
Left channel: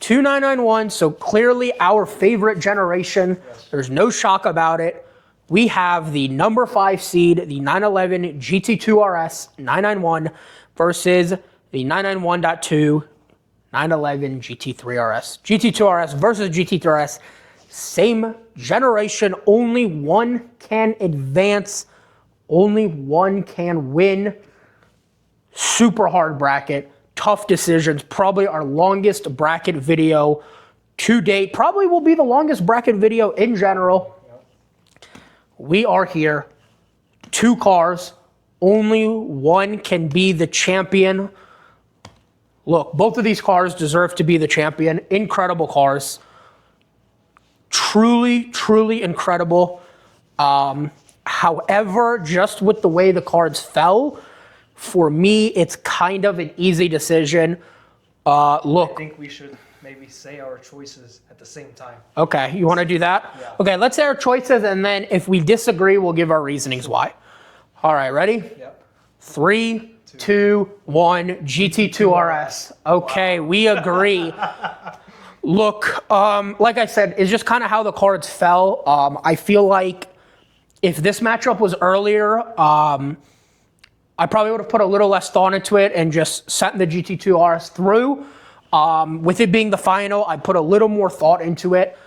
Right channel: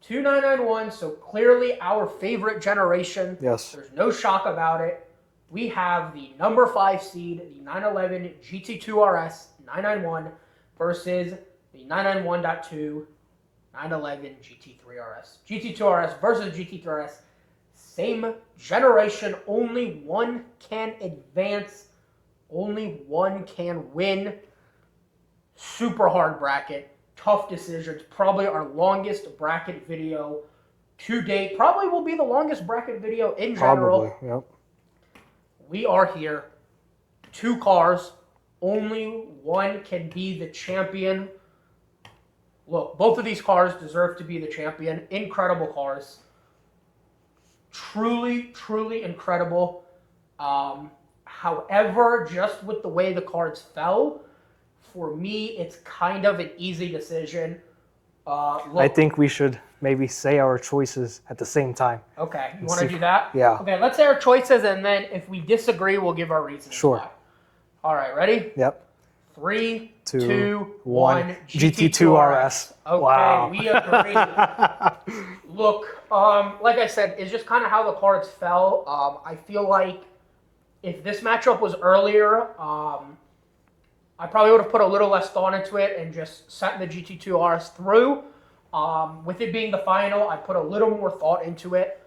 Two 991s, so clearly our favorite generation. Yes. There's no shock about it. We have the number 5 seed, the 911 GT2 RS 991 versus the 991.2 911 GT3 RS. GT2 RS versus GT3 RS. Same generation. Only one can advance. Only one can win. Super hard bracket. Tough decisions. Probably our longest bracket video to date. Probably will be the longest bracket video in general. We are here. Two cars. Only one can be the champion. Look, both of these cars deserve to be the champion. Incredible cars. Truly, truly incredible. However, just with the way the cards fell, for me, it's kind of an easy decision. Look, I think we should maybe say our choices at the same time. Okay, you want to do that? Yeah. Okay, let's say our choices, and then if we disagree, we'll give our reasonings why. All right, ready? Yep. 3, 2, 1, GT2 RS. Okay, Wow. we agree. Look, like I said, it's just kind of how the cards fell. I feel like if this matchup was earlier, I probably would have put a little less thought into it and just sent the GT2 RS through. With it being the final, I put a little more thought into it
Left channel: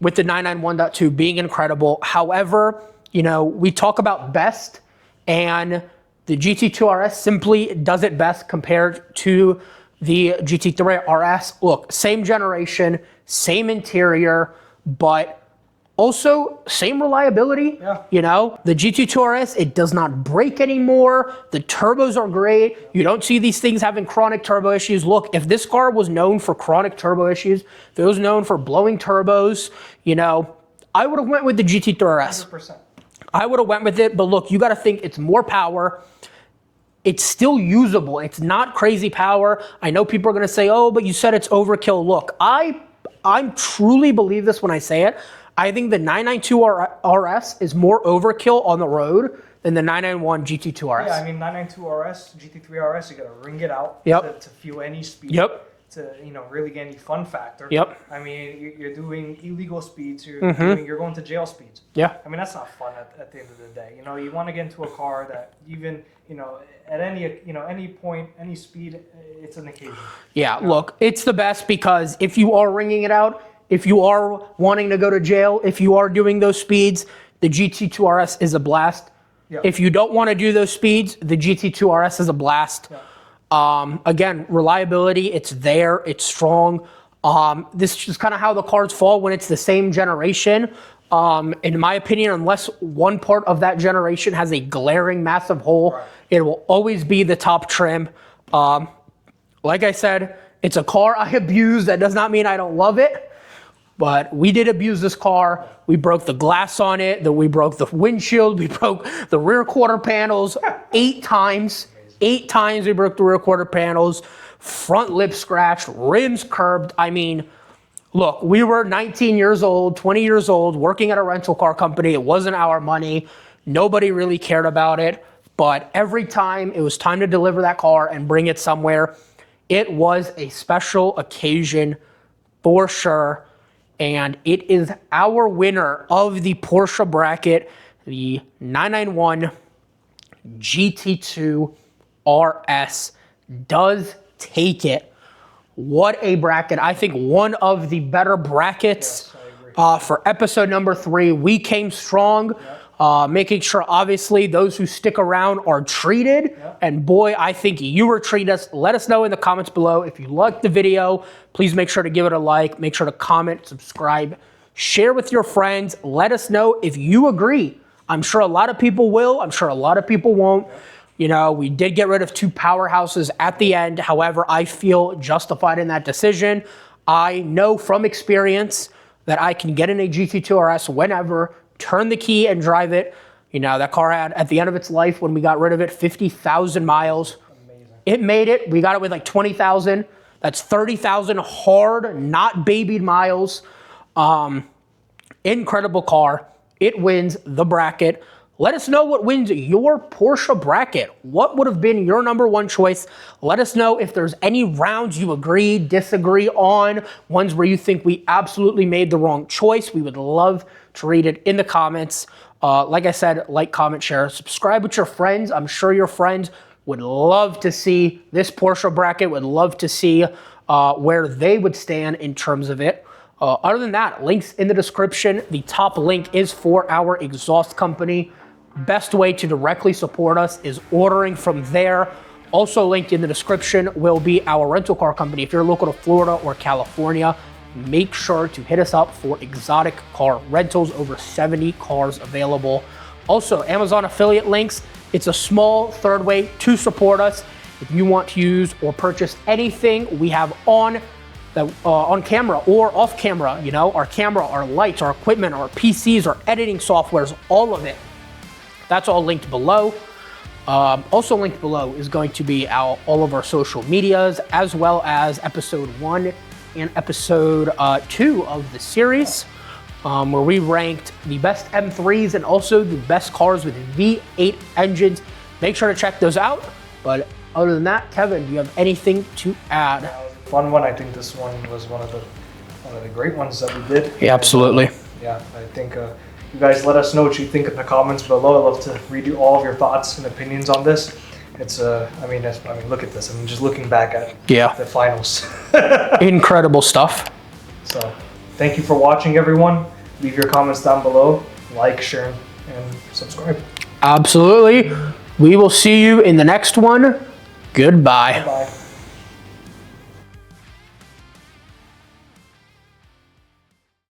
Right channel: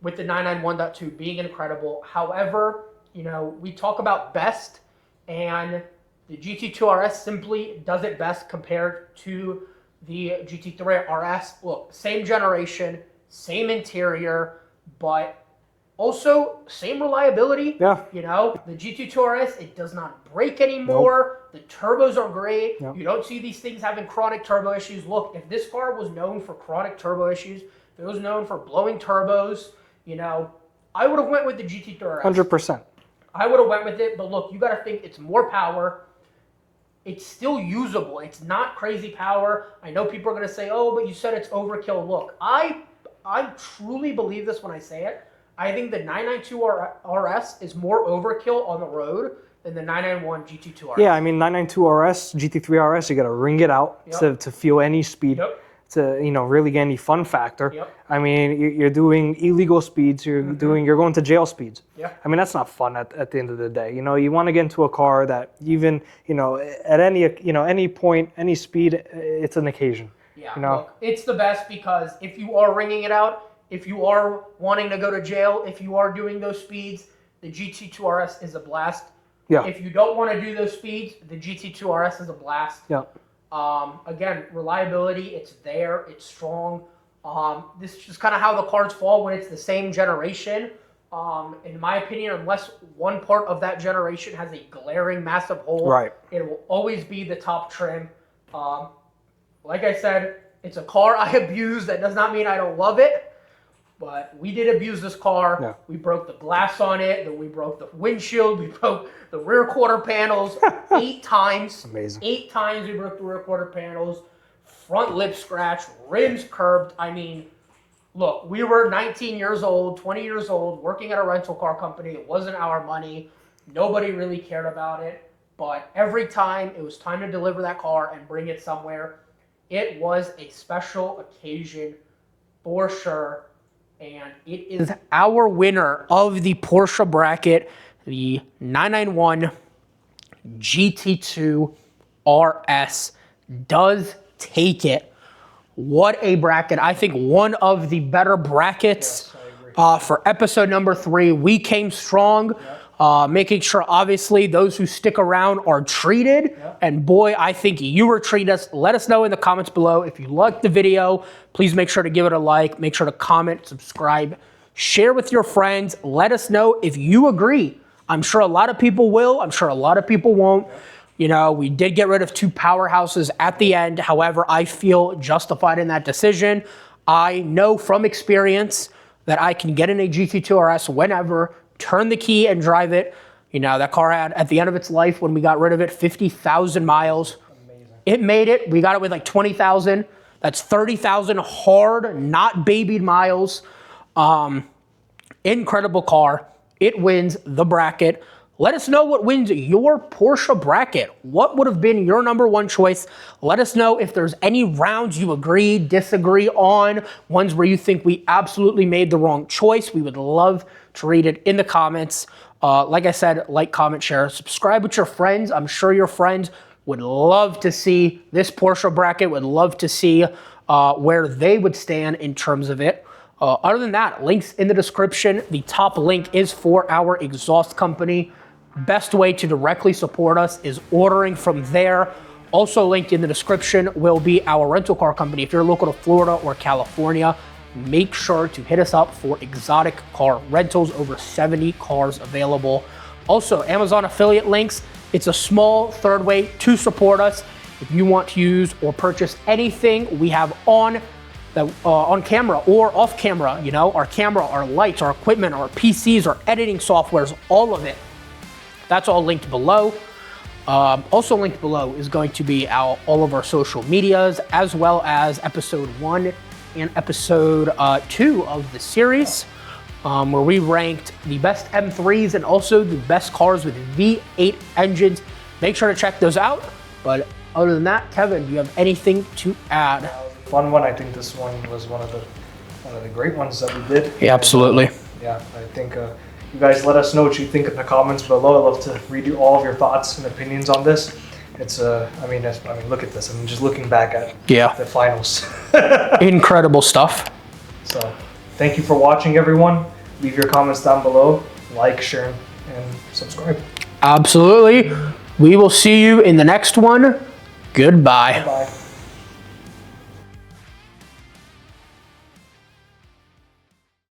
with the 991.2 being incredible. However, you know, we talk about best, and the GT2 RS simply does it best compared to the GT3 RS. Look, same generation, same interior, but also same reliability. Yeah. You know, the GT2 RS, it does not break anymore. Nope. The turbos are great. Yep. You don't see these things having chronic turbo issues. Look, if this car was known for chronic turbo issues, if it was known for blowing turbos, you know, I would have went with the GT3 RS. 100%. I would have went with it, but look, you got to think it's more power. It's still usable. It's not crazy power. I know people are going to say, oh, but you said it's overkill. Look, I truly believe this when I say it. I think the 992 RS is more overkill on the road than the 991 GT2 RS. Yeah, I mean, 992 RS, GT3 RS, you got to ring it out to feel any speed. Yep. To, you know, really get any fun factor. Yep. I mean, you're doing illegal speeds. You're going to jail speeds. Yeah. I mean, that's not fun at the end of the day. You know, you want to get into a car that even, you know, at any point, any speed, it's an occasion. Yeah. You know? Look, it's the best because if you are ringing it out, if you are wanting to go to jail, if you are doing those speeds, the GT2 RS is a blast. Yeah. If you don't want to do those speeds, the GT2 RS is a blast. Yeah. Again, reliability, it's there, it's strong. This is kind of how the cards fall when it's the same generation. In my opinion, unless one part of that generation has a glaring massive hole, right, it will always be the top trim. Like I said, it's a car I abuse. That does not mean I don't love it. But we did abuse this car. Yeah. We broke the glass on it. We broke the windshield. We broke the rear quarter panels 8 times. Amazing. 8 times we broke the rear quarter panels. Front lip scratched, rims curbed. I mean, look, we were 19 years old, 20 years old, working at a rental car company. It wasn't our money. Nobody really cared about it. But every time it was time to deliver that car and bring it somewhere, it was a special occasion for sure. And it is our winner of the Porsche bracket, the 991 GT2 RS does take it. What a bracket. I think one of the better brackets for episode number 3. We came strong. Making sure, obviously, those who stick around are treated. Yep. And boy, I think you were treated us. Let us know in the comments below. If you liked the video, please make sure to give it a like. Make sure to comment, subscribe, share with your friends. Let us know if you agree. I'm sure a lot of people will. I'm sure a lot of people won't. Yep. You know, we did get rid of 2 powerhouses at the end. However, I feel justified in that decision. I know from experience that I can get in a GT2 RS whenever, turn the key and drive it. You know, that car had, at the end of its life, when we got rid of it, 50,000 miles. Amazing. It made it. We got it with like 20,000. That's 30,000 hard, not babied miles. Incredible car. It wins the bracket. Let us know what wins your Porsche bracket. What would have been your number 1 choice? Let us know if there's any rounds you agree, disagree on, ones where you think we absolutely made the wrong choice. We would love to read it in the comments. Like I said, like, comment, share, subscribe with your friends. I'm sure your friends would love to see this Porsche bracket, would love to see where they would stand in terms of it. Other than that, links in the description. The top link is for our exhaust company. Best way to directly support us is ordering from there. Also linked in the description will be our rental car company. If you're local to Florida or California, make sure to hit us up for exotic car rentals. Over 70 cars available. Also, Amazon affiliate links. It's a small third way to support us. If you want to use or purchase anything we have on camera or off camera, you know, our camera, our lights, our equipment, our PCs, our editing softwares, all of it. That's all linked below. Also linked below is going to be all of our social medias, as well as episode 1 in episode 2 of the series, where we ranked the best M3s and also the best cars with V8 engines. Make sure to check those out. But other than that, Kevin, do you have anything to add? That was a fun one. I think this one was one of the great ones that we did. Yeah, absolutely. And, yeah, I think you guys let us know what you think in the comments below. I'd love to read all of your thoughts and opinions on this. It's I mean, look at this. I mean, just looking back at the finals. Incredible stuff. So, thank you for watching, everyone. Leave your comments down below. Like, share, and subscribe. Absolutely. We will see you in the next one. Goodbye. Bye.